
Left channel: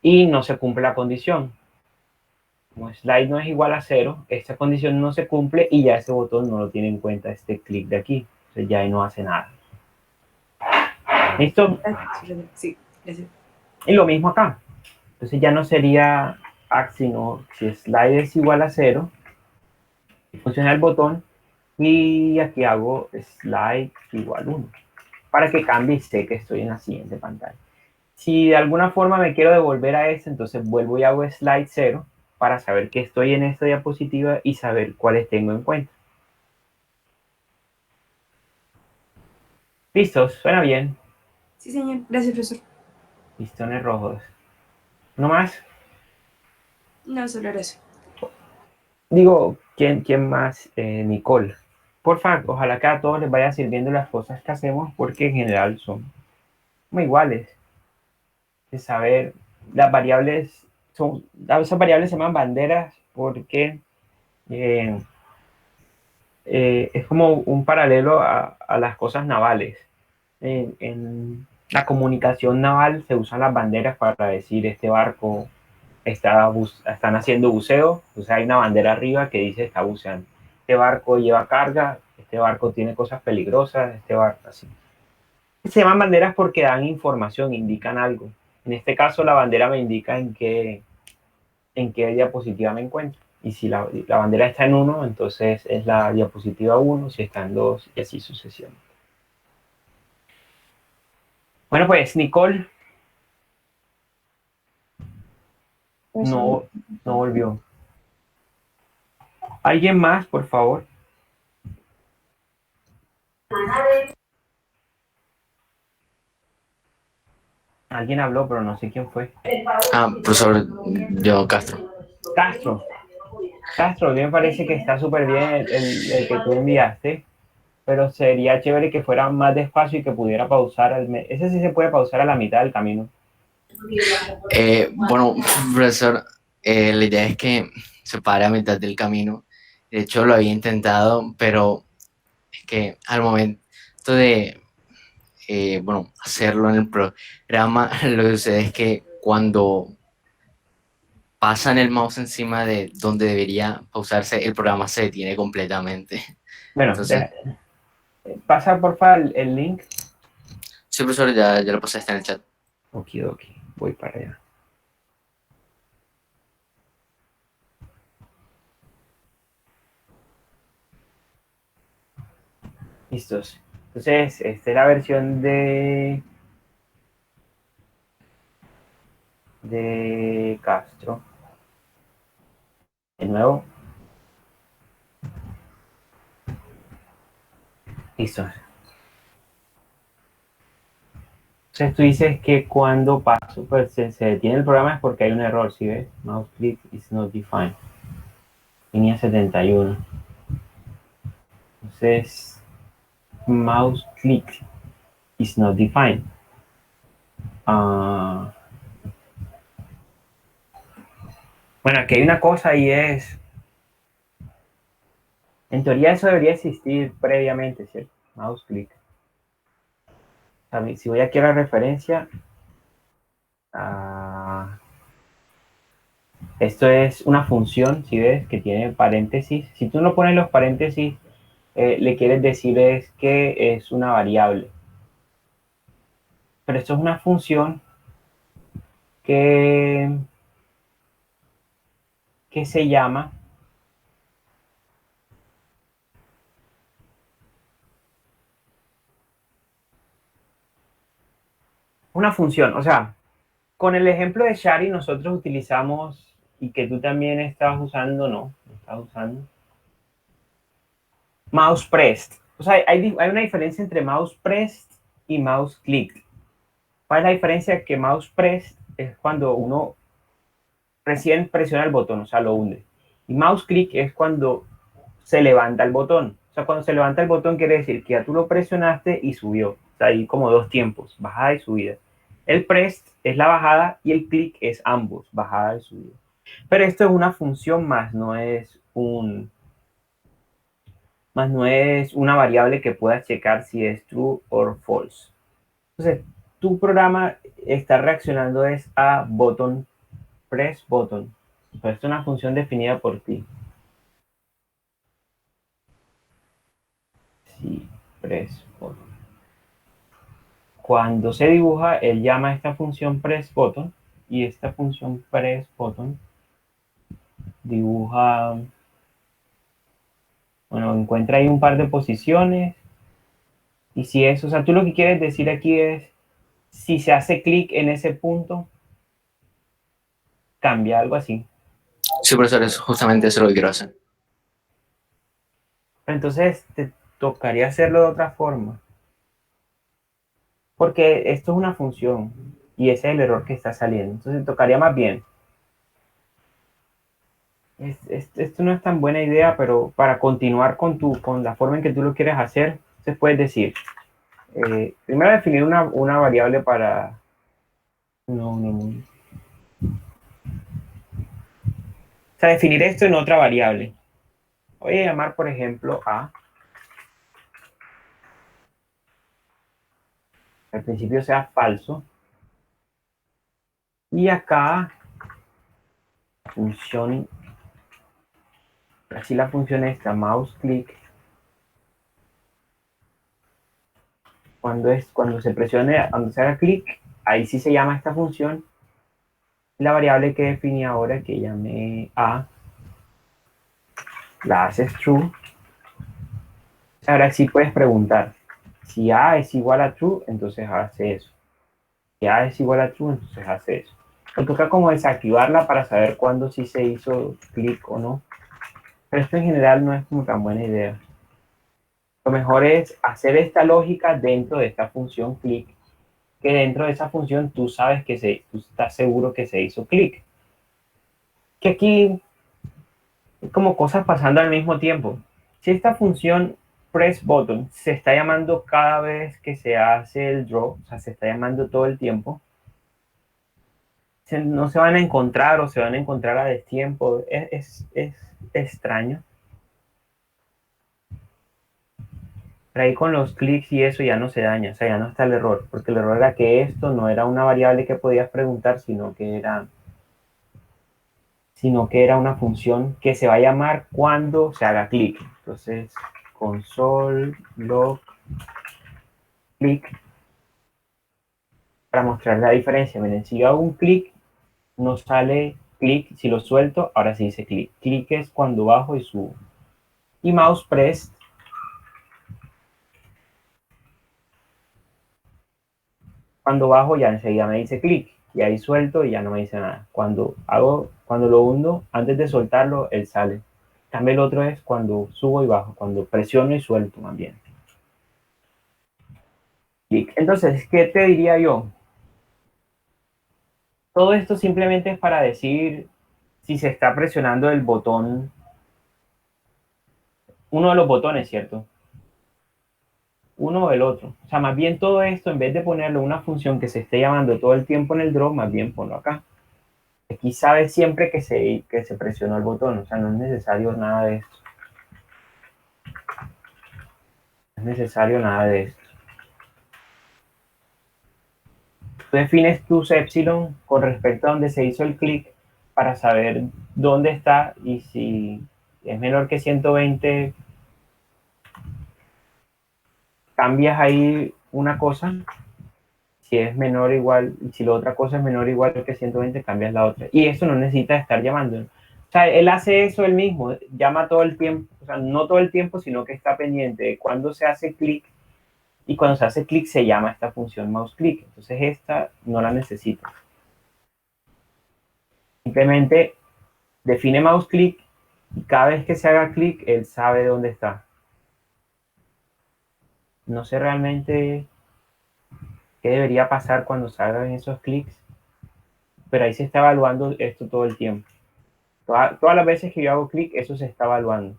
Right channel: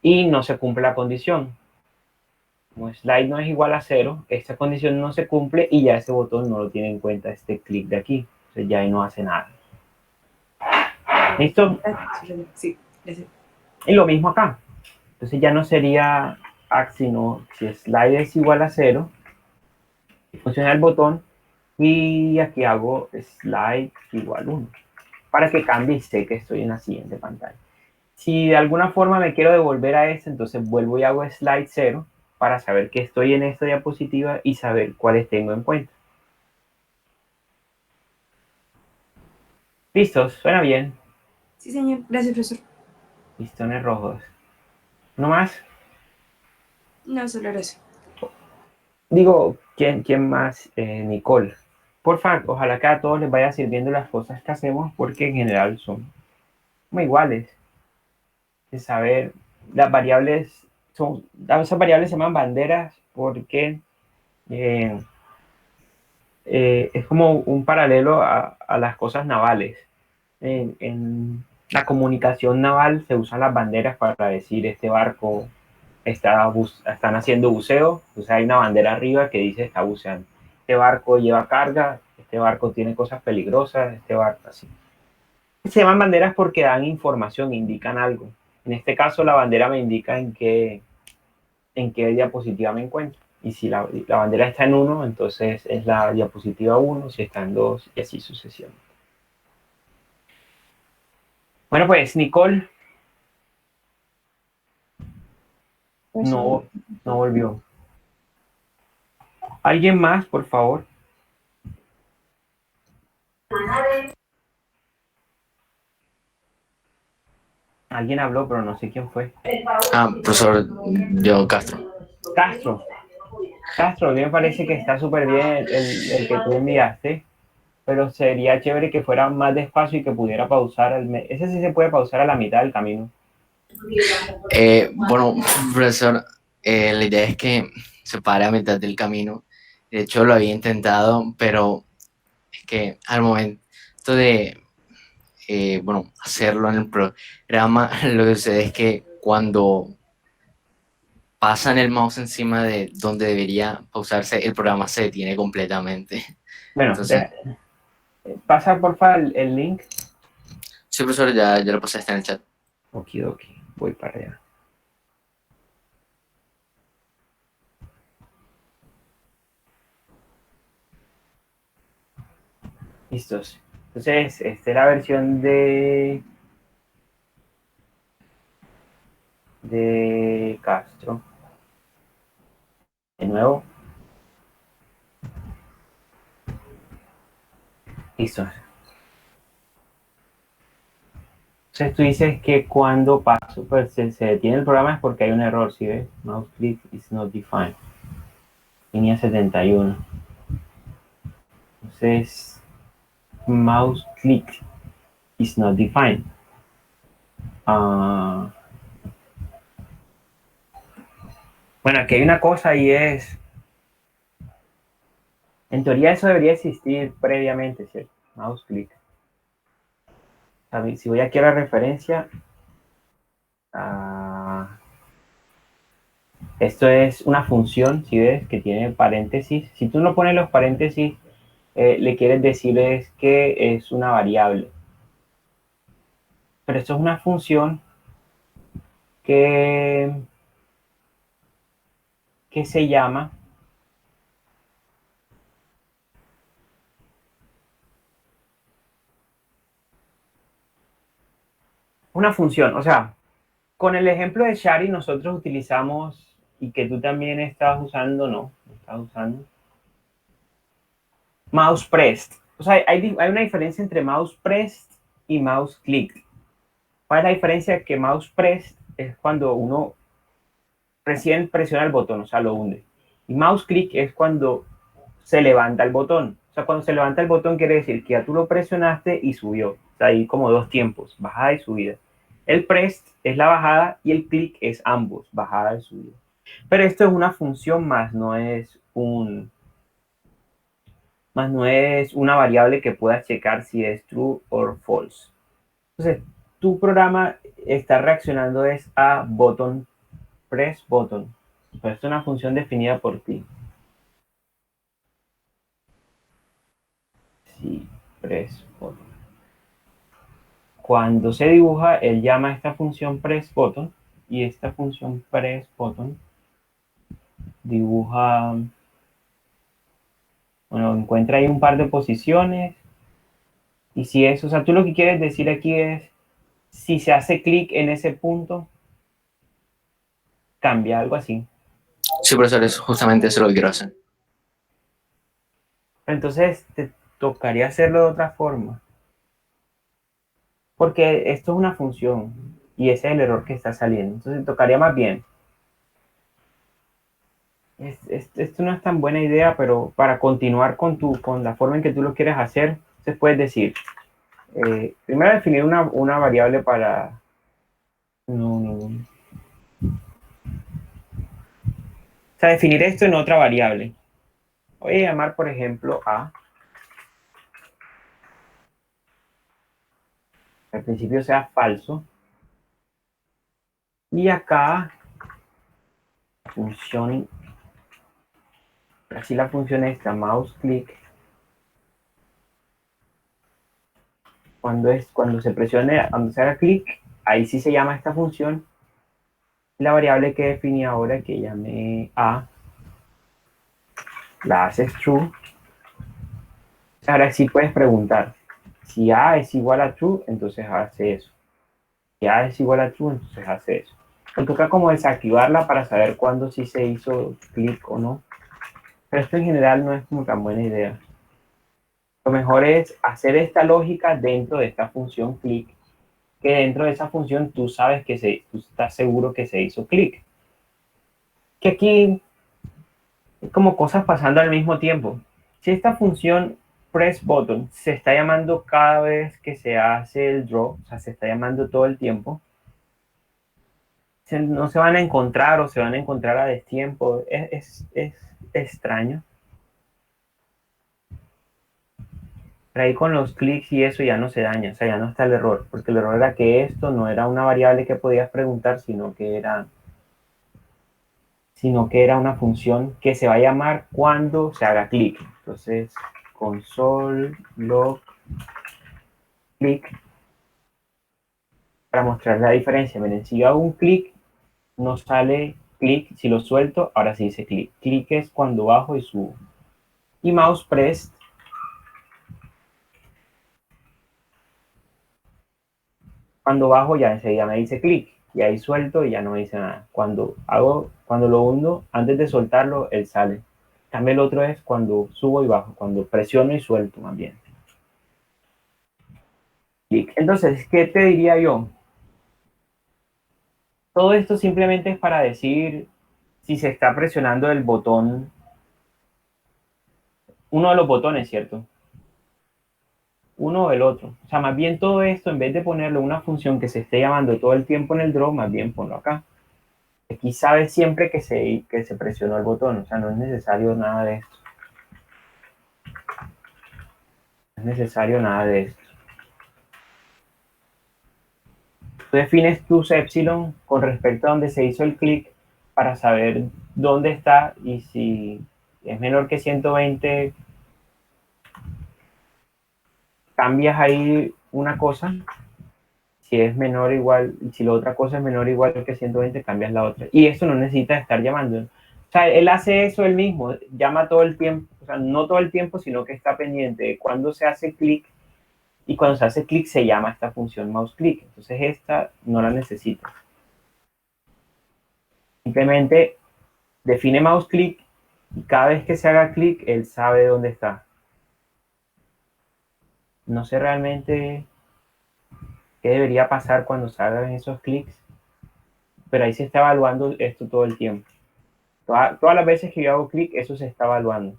y no se cumple la condición. Como slide no es igual a 0, esta condición no se cumple y ya ese botón no lo tiene en cuenta este clic de aquí. Entonces ya ahí no hace nada. ¿Listo? Sí, gracias. Y lo mismo acá. Entonces ya no sería act, sino si slide es igual a 0, funciona el botón y aquí hago slide igual 1 para que cambie y sé que estoy en la siguiente pantalla. Si de alguna forma me quiero devolver a este, entonces vuelvo y hago slide 0 para saber que estoy en esta diapositiva y saber cuáles tengo en cuenta. ¿Listos? ¿Suena bien? Sí, señor. Gracias, profesor. Listones rojos. ¿No más? No, solo gracias. Digo, ¿quién más? Nicole. Porfa, ojalá que a todos les vaya sirviendo las cosas que hacemos porque en general son muy iguales. De saber, las variables, esas variables se llaman banderas porque es como un paralelo a las cosas navales. En la comunicación naval se usan las banderas para decir este barco están haciendo buceo, pues hay una bandera arriba que dice está buceando. Este barco lleva carga, este barco tiene cosas peligrosas, este barco así. Se llaman banderas porque dan información, indican algo. En este caso la bandera me indica en qué diapositiva me encuentro. Y si la bandera está en 1, entonces es la diapositiva 1, si está en 2 y así sucesivamente. Bueno, pues Nicole no volvió. ¿Alguien más, por favor? Alguien habló, pero no sé quién fue. Profesor, yo Castro. Castro, Castro, a mí me parece que está súper bien el que tú enviaste, pero sería chévere que fuera más despacio y que pudiera pausar. Ese sí se puede pausar a la mitad del camino. Bueno, profesor, la idea es que se pare a mitad del camino. De hecho, lo había intentado, pero es que al momento de, bueno, hacerlo en el programa, lo que sucede es que cuando pasan el mouse encima de donde debería pausarse, el programa se detiene completamente. Bueno, Entonces, pasa porfa el link. sí, profesor, ya lo pasé, está en el chat. Okidoki, voy para allá. Listos. Entonces, esta es la versión de Castro. De nuevo. Listo. Entonces tú dices que cuando paso, pues se detiene el programa es porque hay un error, ¿sí ves? Mouse click is not defined. Línea 71. Entonces, mouse click is not defined. Bueno, aquí hay una cosa y es, en teoría eso debería existir previamente, ¿cierto? Mouse click. Si voy aquí a la referencia, esto es una función, si ves, que tiene paréntesis. Si tú no pones los paréntesis, le quieres decir es que es una variable. Pero esto es una función que se llama una función. O sea, con el ejemplo de Shari nosotros utilizamos, y que tú también estabas usando, no estabas usando, mouse pressed. O sea, hay una diferencia entre mouse pressed y mouse click. ¿Cuál es la diferencia? Que mouse pressed es cuando uno recién presiona el botón, o sea, lo hunde. Y mouse click es cuando se levanta el botón. O sea, cuando se levanta el botón quiere decir que ya tú lo presionaste y subió. O sea, hay como dos tiempos, bajada y subida. El press es la bajada y el click es ambos, bajada y subida. Pero esto es una función más no es una variable que puedas checar si es true o false. Entonces, tu programa está reaccionando es a button, press button. Pero esto es una función definida por ti. Sí, press button. Cuando se dibuja, él llama a esta función press button y esta función press button dibuja, bueno, encuentra ahí un par de posiciones y si es, o sea, tú lo que quieres decir aquí es, si se hace clic en ese punto, cambia, algo así. Sí, profesor, justamente eso es lo que quiero hacer. Entonces, te tocaría hacerlo de otra forma. Porque esto es una función y ese es el error que está saliendo. Entonces, tocaría más bien. Esto no es tan buena idea, pero para continuar con la forma en que tú lo quieres hacer, se puedes decir, primero definir una variable para... O sea, definir esto en otra variable. Voy a llamar, por ejemplo, a... Al principio sea falso. Y acá, función... Así la función esta, mouse click. Cuando se presione, cuando se haga clic, ahí sí se llama esta función. La variable que definí ahora, que llamé a, la haces true. Ahora sí puedes preguntar, si a es igual a true, entonces hace eso. Si a es igual a true, entonces hace eso. Me toca como desactivarla para saber cuándo sí se hizo clic o no. Pero esto en general no es como tan buena idea. Lo mejor es hacer esta lógica dentro de esta función clic, que dentro de esa función tú sabes que tú estás seguro que se hizo clic. que aquí hay como cosas pasando al mismo tiempo. Si esta función press button se está llamando cada vez que se hace el draw, o sea, se está llamando todo el tiempo, no se van a encontrar o se van a encontrar a destiempo. Es extraño. Pero ahí con los clics y eso ya no se daña, o sea, ya no está el error, porque el error era que esto no era una variable que podías preguntar, sino que era una función que se va a llamar cuando se haga clic. Entonces, console log clic para mostrar la diferencia. Miren, si yo hago un clic, no sale clic. Si lo suelto, ahora sí dice clic. Clic es cuando bajo y subo. Y mouse press, cuando bajo ya enseguida me dice clic. Y ahí suelto y ya no me dice nada. Cuando lo hundo, antes de soltarlo, él sale. También el otro es cuando subo y bajo, cuando presiono y suelto también. Clic. Entonces, ¿qué te diría yo? Todo esto simplemente es para decir si se está presionando el botón, uno de los botones, ¿cierto? Uno o el otro. O sea, más bien todo esto, en vez de ponerlo una función que se esté llamando todo el tiempo en el draw, más bien ponlo acá. Aquí sabes siempre que se presionó el botón, o sea, no es necesario nada de esto. No es necesario nada de esto. Tú defines tus epsilon con respecto a donde se hizo el clic para saber dónde está y si es menor que 120, cambias ahí una cosa. Si es menor o igual, si la otra cosa es menor o igual que 120, cambias la otra. Y eso no necesita estar llamando. O sea, él hace eso él mismo, llama todo el tiempo, o sea, no todo el tiempo, sino que está pendiente de cuando se hace clic, y cuando se hace clic se llama esta función mouse click. Entonces esta no la necesita. Simplemente define mouse click y cada vez que se haga clic, él sabe dónde está. No sé realmente qué debería pasar cuando salgan esos clics, pero ahí se está evaluando esto todo el tiempo. Todas las veces que yo hago clic, eso se está evaluando.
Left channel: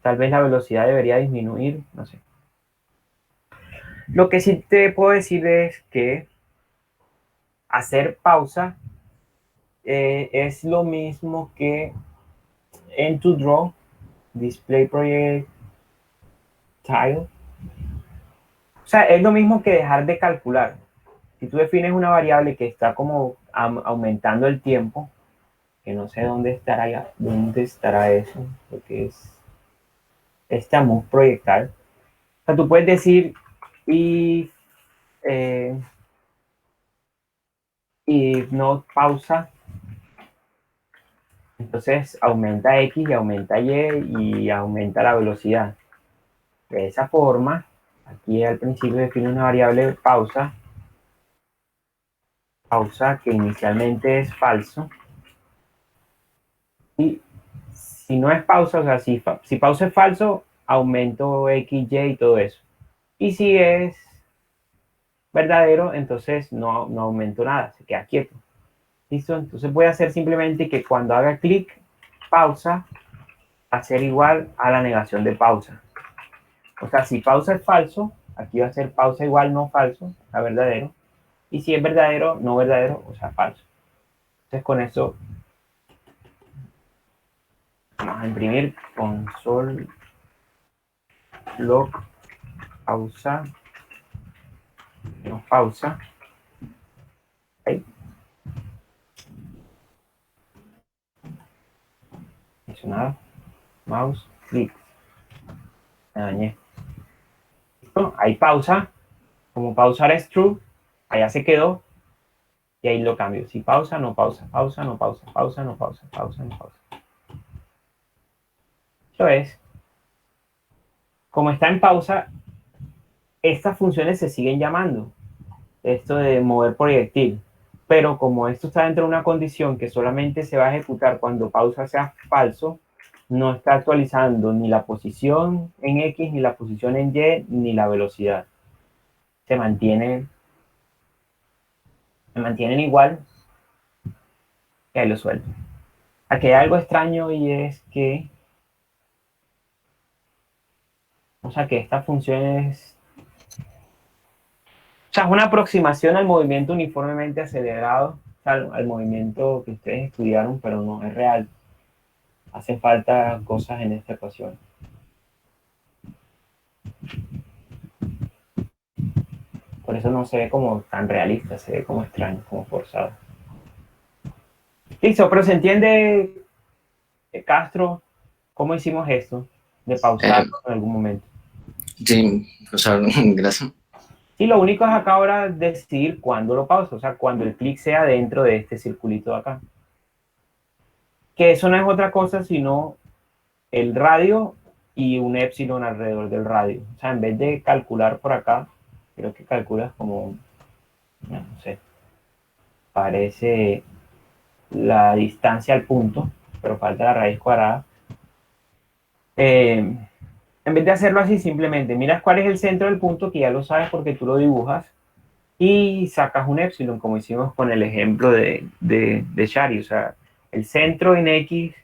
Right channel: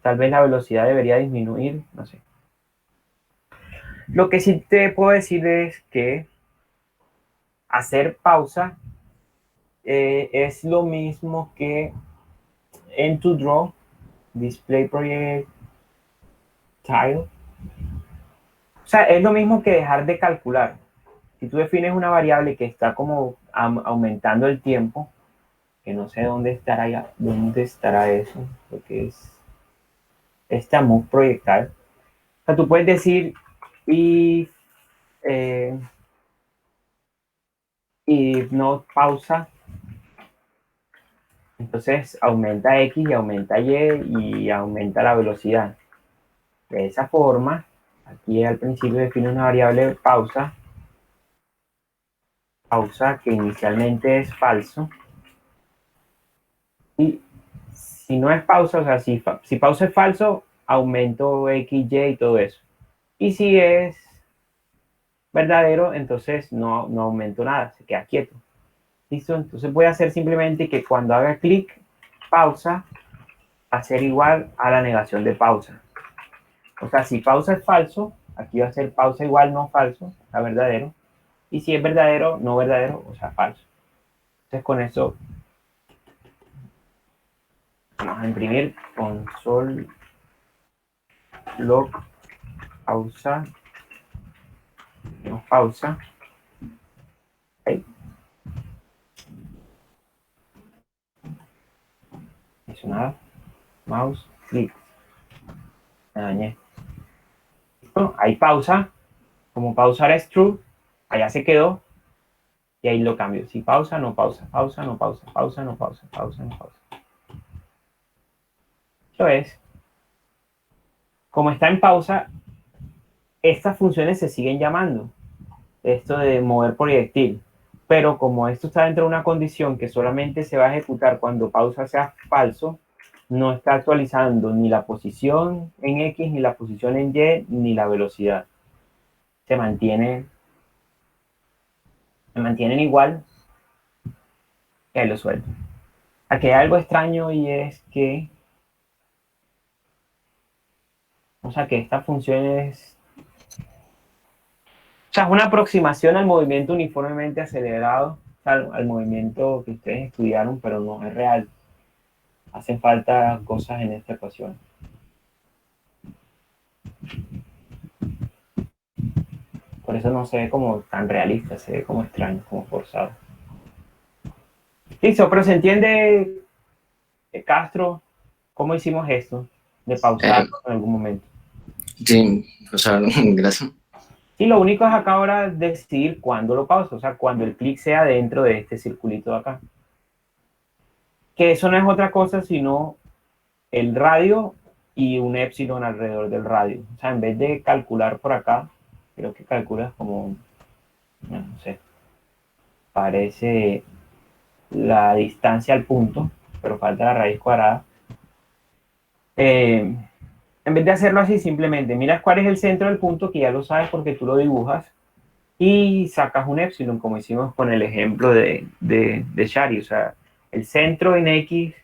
Tal vez la velocidad debería disminuir, no sé. Lo que sí te puedo decir es que hacer pausa es lo mismo que en tu draw, display project tile. O sea, es lo mismo que dejar de calcular. Si tú defines una variable que está como aumentando el tiempo, que no sé dónde estará eso, porque es esta move proyectal. O sea, tú puedes decir eh, y no pausa, entonces aumenta X y aumenta Y y aumenta la velocidad. De esa forma, aquí al principio define una variable pausa que inicialmente es falso. Y si no es pausa, o sea, si pausa es falso, aumento X, Y y todo eso. Y si es verdadero, entonces no aumento nada, se queda quieto. ¿Listo? Entonces voy a hacer simplemente que cuando haga clic, pausa, va a ser igual a la negación de pausa. O sea, si pausa es falso, aquí va a ser pausa igual no falso, o sea, verdadero. Y si es verdadero, no verdadero, o sea, falso. Entonces con eso vamos a imprimir console log pausa, no pausa. ¿Okay? No hizo nada. Mouse, clic. Me dañé. ¿Listo? Ahí pausa. Como pausar es true, allá se quedó. Y ahí lo cambio. Si pausa, no pausa, pausa, no pausa, pausa, no pausa, pausa, no pausa. Eso es. Como está en pausa, estas funciones se siguen llamando. Esto de mover proyectil. Pero como esto está dentro de una condición que solamente se va a ejecutar cuando pausa sea falso, no está actualizando ni la posición en X, ni la posición en Y, ni la velocidad. Se mantienen igual, y ahí lo suelto. Aquí hay algo extraño y es que, o sea, que esta función es, o sea, es una aproximación al movimiento uniformemente acelerado, o sea, al movimiento que ustedes estudiaron, pero no es real. Hacen falta cosas en esta ecuación. Por eso no se ve como tan realista, se ve como extraño, como forzado. Listo, pero se entiende, Castro, cómo hicimos esto, de pausar Eh, en algún momento. sí, o sea, gracias. Y lo único es acá ahora decidir cuándo lo pauso, o sea, cuando el clic sea dentro de este circulito de acá. Que eso no es otra cosa sino el radio y un épsilon alrededor del radio. O sea, en vez de calcular por acá, creo que calculas como, no sé, parece la distancia al punto, pero falta la raíz cuadrada. En vez de hacerlo así, simplemente miras cuál es el centro del punto, que ya lo sabes porque tú lo dibujas, y sacas un épsilon, como hicimos con el ejemplo de Shari. O sea, el centro en X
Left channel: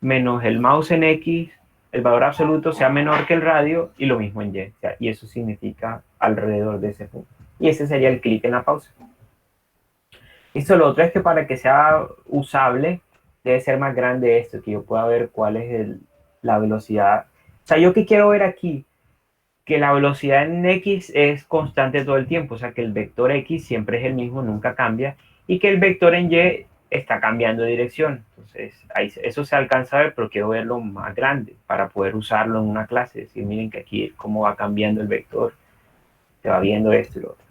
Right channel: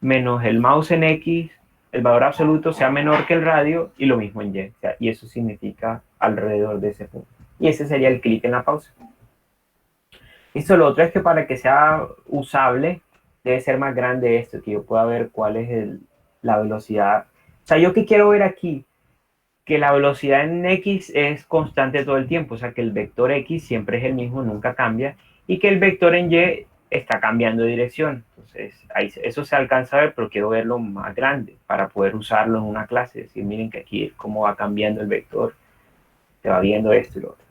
menos el mouse en X, el valor absoluto sea menor que el radio, y lo mismo en Y. O sea, y eso significa alrededor de ese punto. Y ese sería el clic en la pausa. Esto lo otro es que para que sea usable, debe ser más grande esto, que yo pueda ver cuál es la velocidad. O sea, yo que quiero ver aquí, que la velocidad en X es constante todo el tiempo, o sea, que el vector X siempre es el mismo, nunca cambia, y que el vector en Y está cambiando de dirección. Entonces, ahí, eso se alcanza a ver, pero quiero verlo más grande para poder usarlo en una clase. Decir, miren que aquí cómo va cambiando el vector, se va viendo esto y lo otro.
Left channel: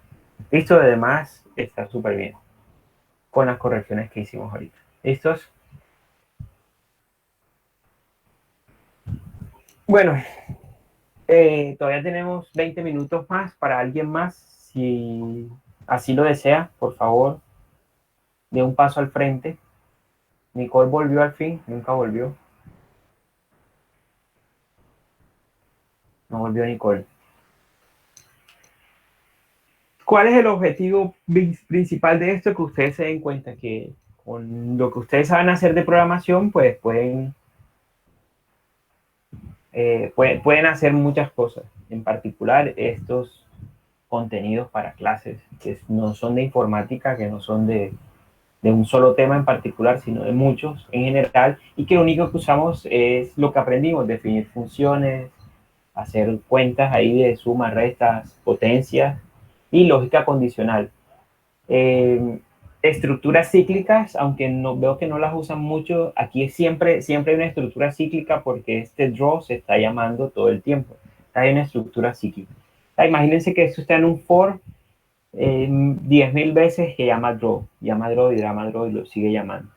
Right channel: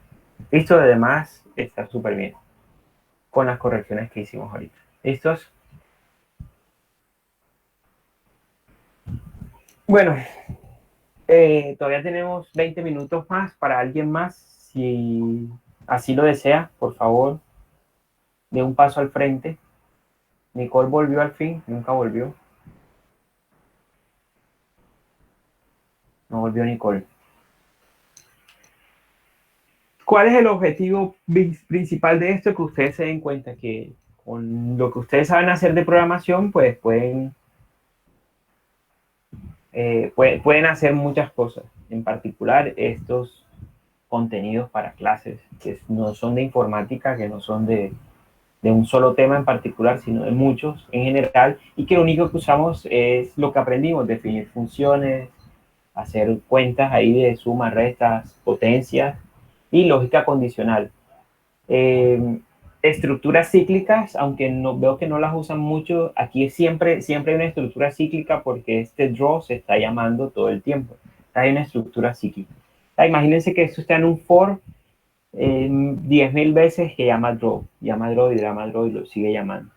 Listo, además está súper bien con las correcciones que hicimos ahorita. ¿Listos? Bueno, todavía tenemos 20 minutos más para alguien más. Si así lo desea, por favor, de un paso al frente. Nicole volvió al fin, nunca volvió. No volvió Nicole. ¿Cuál es el objetivo principal de esto? Que ustedes se den cuenta que con lo que ustedes saben hacer de programación, pues pueden hacer muchas cosas. En particular, estos contenidos para clases que no son de informática, que no son de un solo tema en particular, sino de muchos en general, y que lo único que usamos es lo que aprendimos: definir funciones, hacer cuentas ahí de sumas, restas, potencias y lógica condicional. Eh, Estructuras cíclicas, aunque no, veo que no las usan mucho, aquí siempre hay una estructura cíclica porque este draw se está llamando todo el tiempo. Hay una estructura cíclica. Imagínense que esto está en un for 10.000 veces, que llama draw y lo sigue llamando.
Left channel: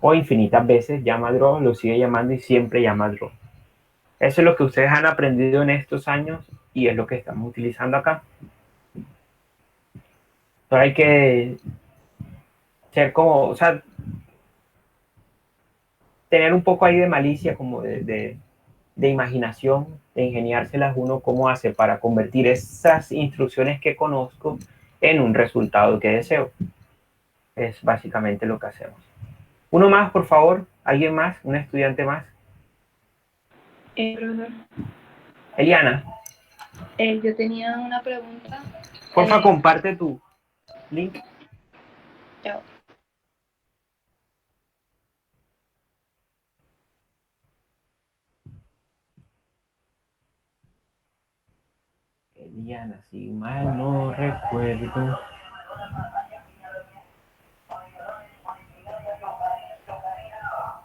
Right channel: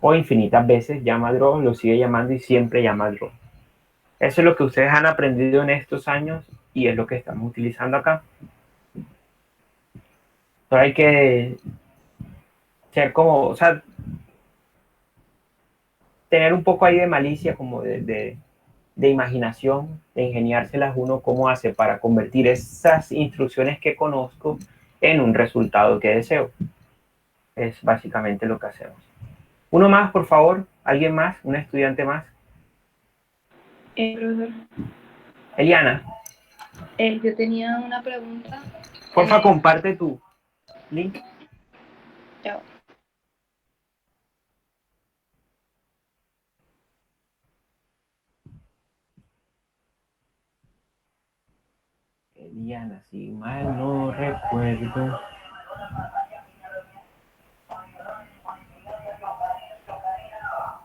O infinitas veces llama draw, lo sigue llamando y siempre llama draw. Eso es lo que ustedes han aprendido en estos años y es lo que estamos utilizando acá. Pero hay que ser como, o sea, tener un poco ahí de malicia, como de imaginación, de ingeniárselas uno cómo hace para convertir esas instrucciones que conozco en un resultado que deseo. Es básicamente lo que hacemos. Uno más, por favor. ¿Alguien más? ¿Un estudiante más? Profesor, Eliana, yo tenía una pregunta. porfa, comparte tu link. Ya. Eliana, si mal no recuerdo.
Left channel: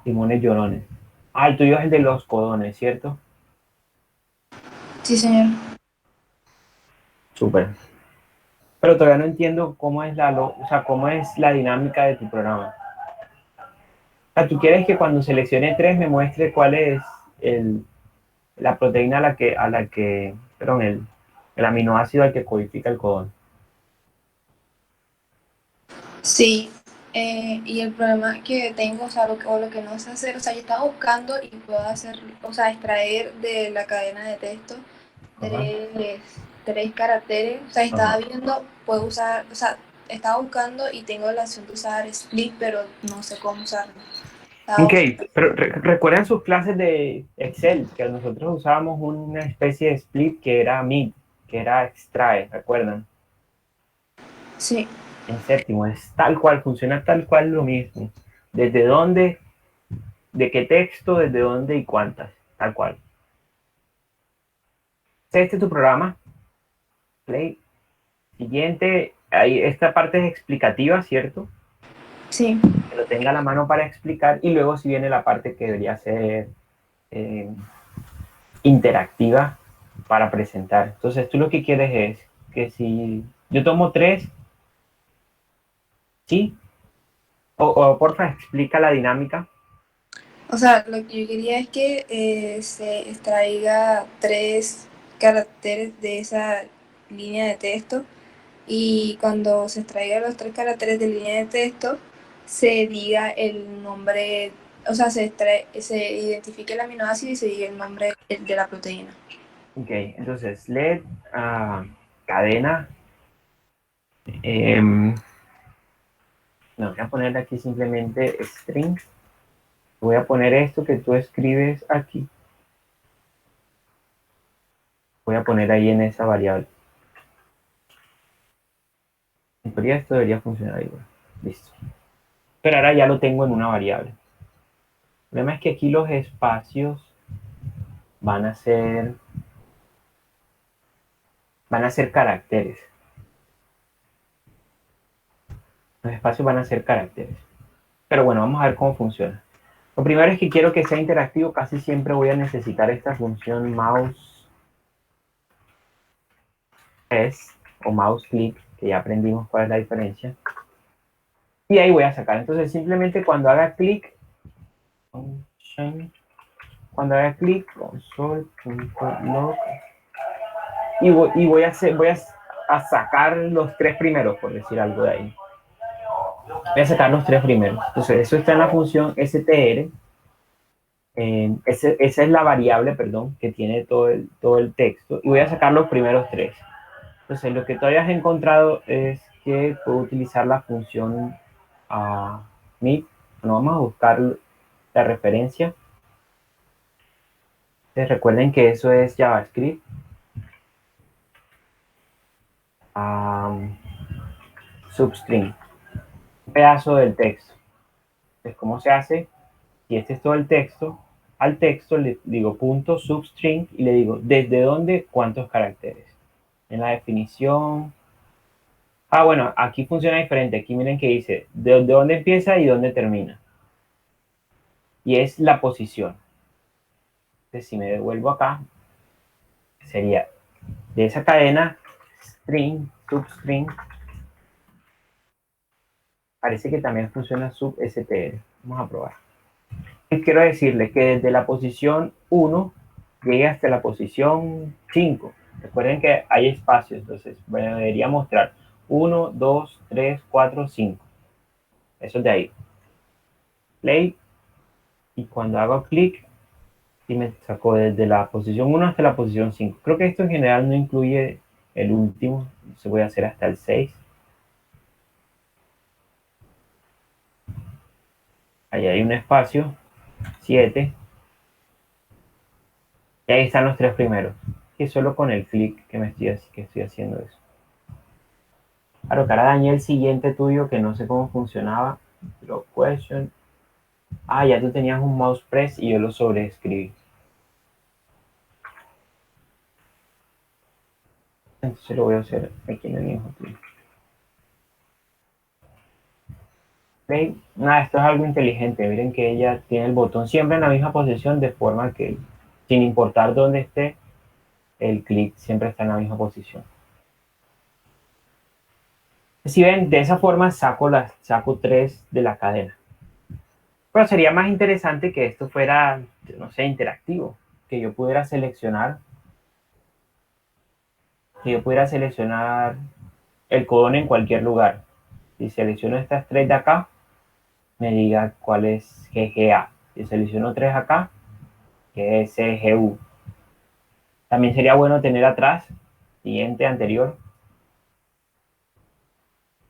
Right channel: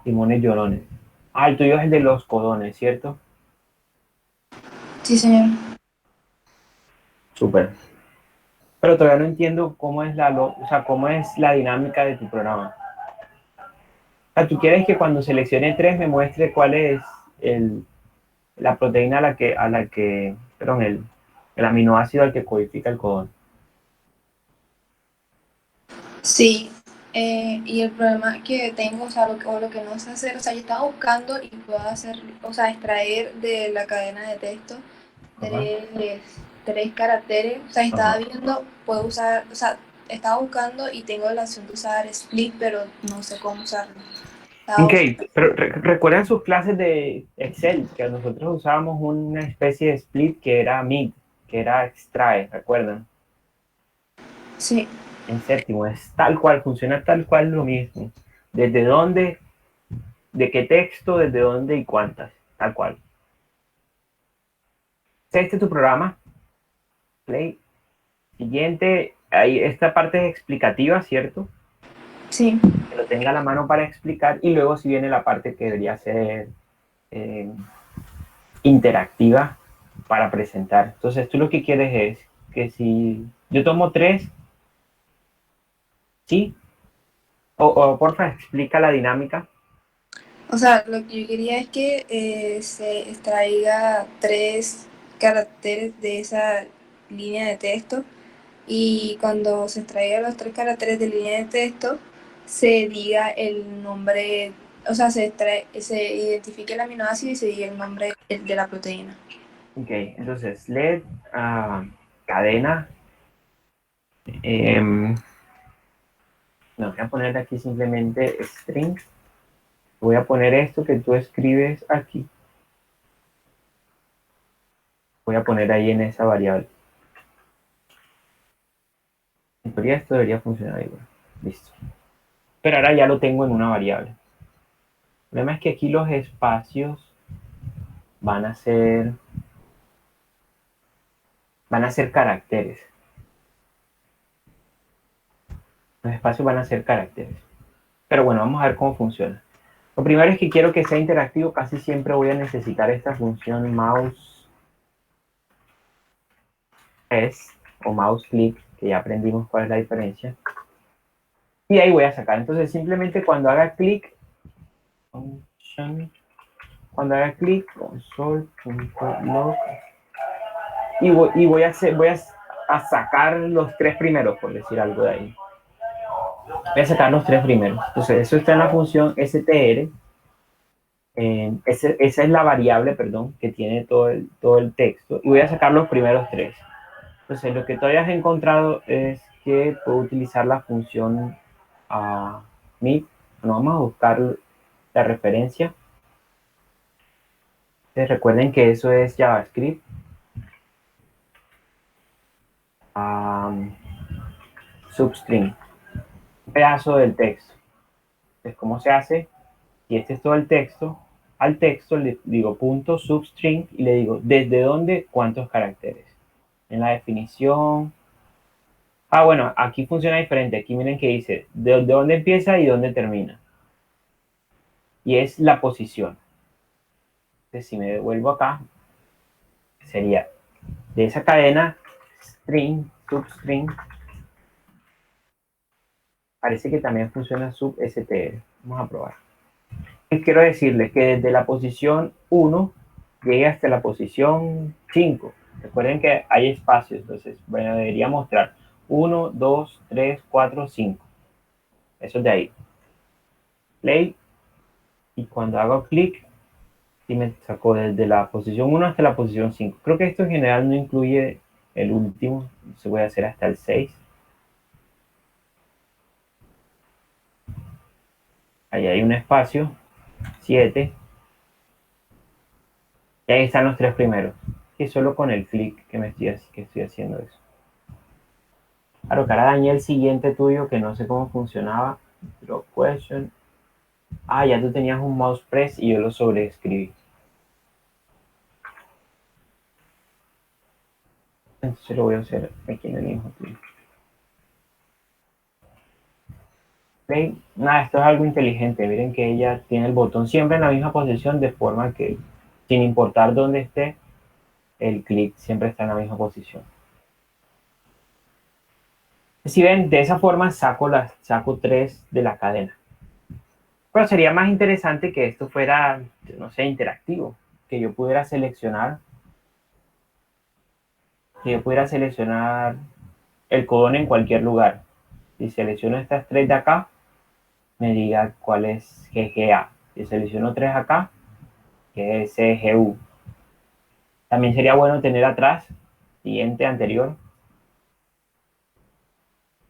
Limones llorones. Ah, el tuyo es el de los codones, ¿cierto? Sí, señor. Súper. Pero todavía no entiendo cómo es o sea, cómo es la dinámica de tu programa. O sea, tú quieres que cuando seleccione 3 me muestre cuál es la proteína perdón, el aminoácido al que codifica el codón. Sí, y el problema que tengo, o sea, lo que no sé hacer, o sea, yo estaba buscando y puedo hacer, o sea, extraer de la cadena de texto Ajá. tres caracteres, o sea, estaba Ajá. viendo, puedo usar, o sea, estaba buscando y tengo la opción de usar split, pero no sé cómo usarlo. Ok, pero recuerdan sus clases de Excel, que nosotros usábamos una especie de split que era mid, que era extrae, ¿recuerdan? Sí, En séptimo, es tal cual, funciona tal cual lo mismo. ¿Desde dónde? ¿De qué texto? ¿Desde dónde y cuántas? Tal cual. Este es tu programa. Play. Siguiente, ahí esta parte es explicativa, ¿cierto? sí. Que lo tenga a la mano para explicar y luego si viene la parte que debería ser interactiva para presentar. Entonces tú lo que quieres es que si yo tomo tres, ¿sí? O porfa, explica la dinámica. O sea, lo que yo quería es que se extraiga 3 caracteres de esa línea de texto y cuando se extraigan los 3 caracteres de línea de texto, se diga el nombre, o sea, se identifique el aminoácido y se diga el nombre de la proteína. Ok, entonces let cadena. No, voy a poner aquí simplemente string. Voy a poner esto que tú escribes aquí. Voy a poner ahí en esa variable. En teoría esto debería funcionar igual. Listo. Pero ahora ya lo tengo en una variable. El problema es que aquí los espacios van a ser caracteres. Los espacios van a ser caracteres. Pero bueno, vamos a ver cómo funciona. Lo primero es que quiero que sea interactivo. Casi siempre voy a necesitar esta función mouse es o mouse click, que ya aprendimos cuál es la diferencia. Y ahí voy a sacar. Entonces simplemente cuando haga clic, console.log y voy a sacar los tres primeros, por decir algo de ahí. Voy a sacar los tres primeros. Entonces eso está en la función str. Esa es la variable, perdón, que tiene todo el texto. Y voy a sacar los primeros tres. Entonces lo que todavía has encontrado es que puedo utilizar la función mid. Bueno, vamos a buscar la referencia. Entonces, recuerden que eso es JavaScript. Substring. Un pedazo del texto. Entonces, ¿cómo se hace? Si este es todo el texto, al texto le digo punto substring y le digo desde dónde, cuántos caracteres. En la definición. Bueno, aquí funciona diferente. Aquí miren que dice de dónde empieza y dónde termina. Y es la posición. Entonces, si me devuelvo acá, sería de esa cadena string, substring. Parece que también funciona substr. Vamos a probar. Quiero decirle que desde la posición 1 llegue hasta la posición 5. Recuerden que hay espacios, entonces bueno, debería mostrar 1, 2, 3, 4, 5. Eso es de ahí. Play. Y cuando hago clic, sí me sacó desde la posición 1 hasta la posición 5. Creo que esto en general no incluye el último. Se voy a hacer hasta el 6. Ahí hay un espacio. 7. Y ahí están los tres primeros. Que solo con el clic que estoy haciendo eso. Claro, que ahora dañé el siguiente tuyo que no sé cómo funcionaba. Draw question. Ya tú tenías un mouse press y yo lo sobreescribí. Entonces lo voy a hacer aquí en el mismo tuyo. ¿Ven? Nada, esto es algo inteligente. Miren que ella tiene el botón siempre en la misma posición de forma que sin importar dónde esté, el clic siempre está en la misma posición. Si ven, de esa forma saco 3 de la cadena. Pero sería más interesante que esto fuera, no sé, interactivo. Que yo pudiera seleccionar el codón en cualquier lugar. Si selecciono estas 3 de acá, me diga cuál es GGA. Si selecciono 3 acá, que es CGU. También sería bueno tener atrás, siguiente, anterior.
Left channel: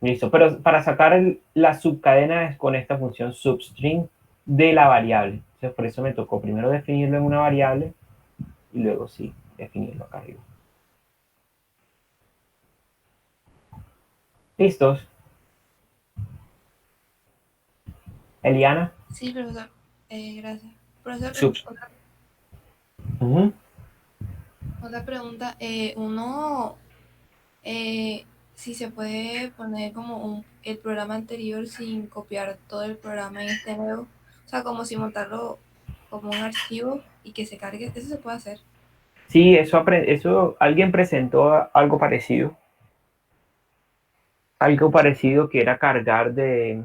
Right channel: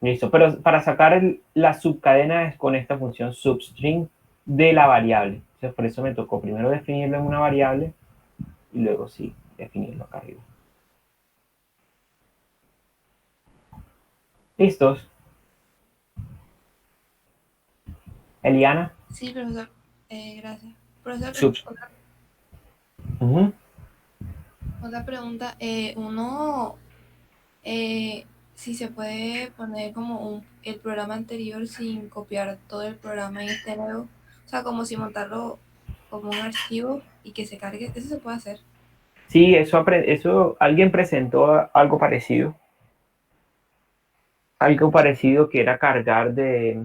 Listo, pero para sacar la subcadena es con esta función substring de la variable. Entonces, por eso me tocó primero definirlo en una variable y luego sí, definirlo acá arriba. ¿Listos? Eliana. Sí, profesor. Gracias. Profesor, Sub. Ujú. otra pregunta. Si se puede poner como el programa anterior sin copiar todo el programa en este nuevo. O sea, como si montarlo como un archivo y que se cargue. Eso se puede hacer. Sí, eso alguien presentó algo parecido. Algo parecido que era cargar de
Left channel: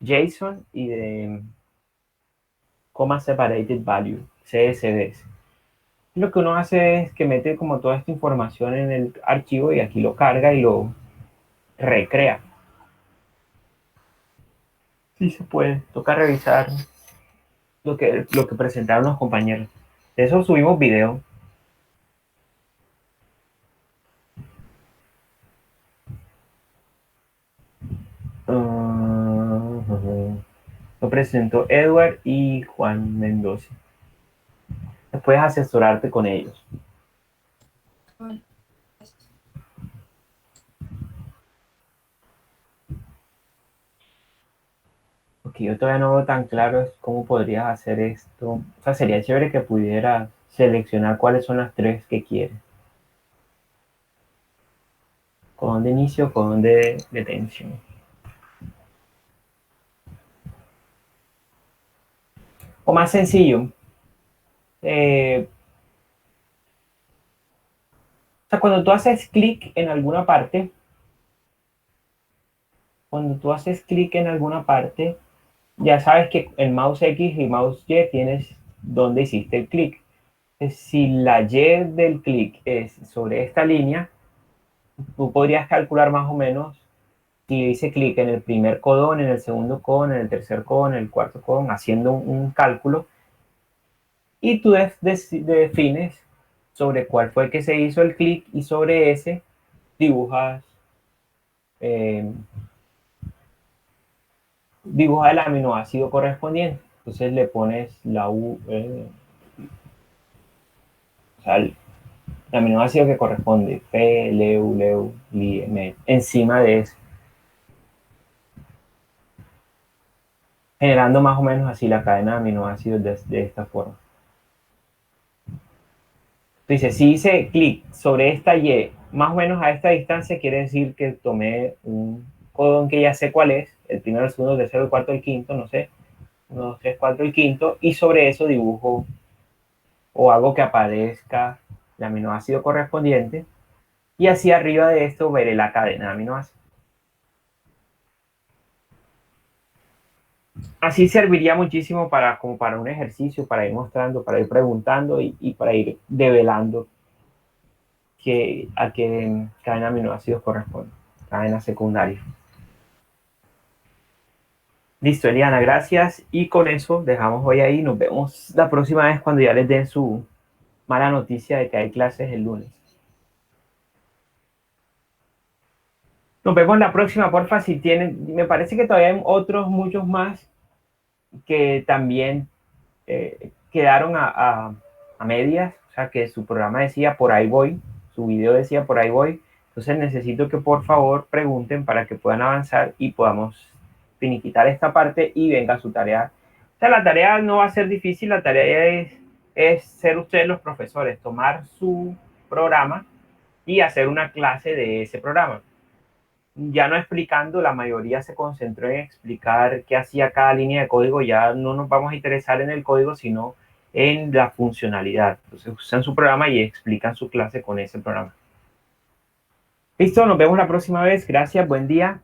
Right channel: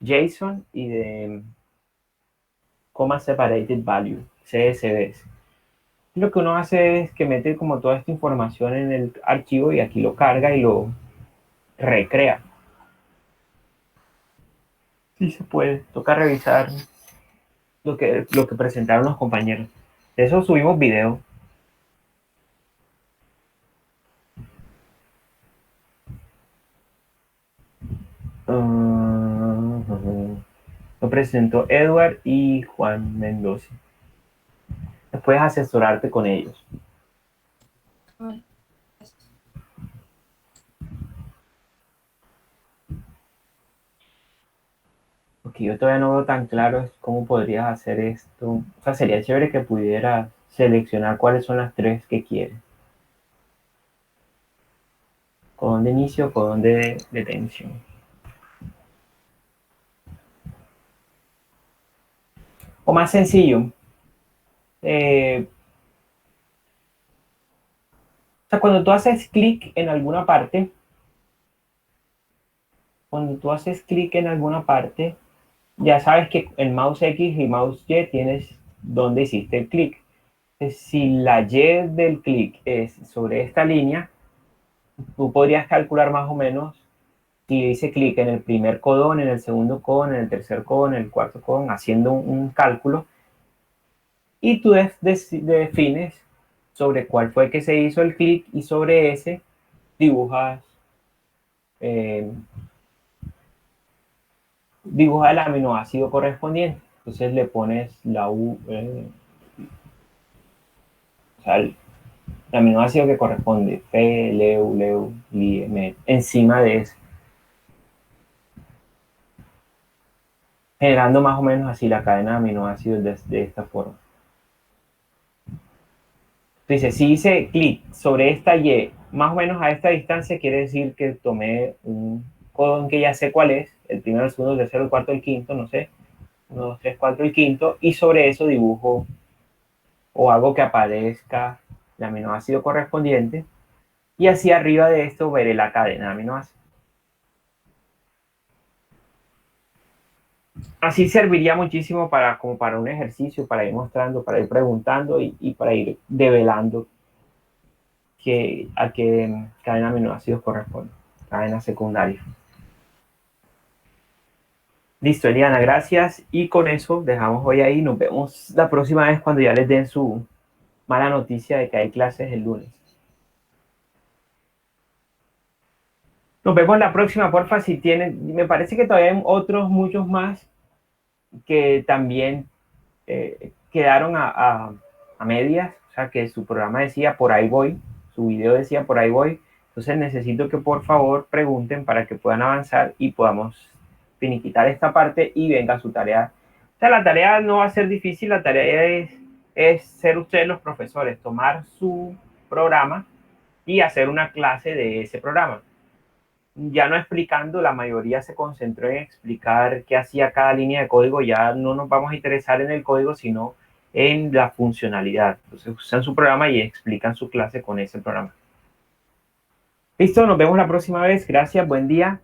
JSON y de Comma Separated Value, CSVs. Lo que uno hace es que mete como toda esta información en el archivo y aquí lo carga y lo recrea. Sí se puede. Toca revisar lo que presentaron los compañeros. De eso subimos video. Lo presentó Edward y Juan Mendoza. Puedes asesorarte con ellos. Bueno, Lo que yo todavía no veo tan claro es cómo podrías hacer esto. O sea, sería chévere que pudieras seleccionar cuáles son las 3 que quieres. Codón de inicio, codón de detención. O más sencillo. O sea, cuando tú haces clic en alguna parte, ya sabes que en mouse X y mouse Y tienes dónde hiciste el clic. Si la Y del clic es sobre esta línea, tú podrías calcular más o menos si hice clic en el primer codón, en el segundo codón, en el tercer codón, en el cuarto codón, haciendo un cálculo, y tú defines sobre cuál fue que se hizo el clic y sobre ese dibujas el aminoácido correspondiente. Entonces le pones la U, o sea, el aminoácido que corresponde, P, Leu, Leu, Li, M, encima de eso. Generando más o menos así la cadena de aminoácidos de esta forma. Entonces, si hice clic sobre esta Y, más o menos a esta distancia, quiere decir que tomé un codón que ya sé cuál es, el primero, el segundo, el tercero, el cuarto, el quinto, no sé, 1, 2, 3, 4, el quinto, y sobre eso dibujo o hago que aparezca el aminoácido correspondiente, y así arriba de esto veré la cadena de aminoácidos. Así serviría muchísimo como para un ejercicio, para ir mostrando, para ir preguntando y para ir develando a qué cadena de aminoácidos corresponde, cadena secundaria. Listo, Eliana, gracias. Y con eso dejamos hoy ahí. Nos vemos la próxima vez cuando ya les den su mala noticia de que hay clases el lunes. Nos vemos la próxima, porfa, si tienen. Me parece que todavía hay otros, muchos más, que también quedaron a medias. O sea, que su programa decía por ahí voy, su video decía por ahí voy. Entonces necesito que por favor pregunten para que puedan avanzar y podamos finiquitar esta parte y venga su tarea. O sea, la tarea no va a ser difícil, la tarea es ser ustedes los profesores, tomar su programa y hacer una clase de ese programa. Ya no explicando, la mayoría se concentró en explicar qué hacía cada línea de código, ya no nos vamos a interesar en el código, sino en la funcionalidad. Entonces usan su programa y explican su clase con ese programa. Listo, nos vemos la próxima vez. Gracias, buen día.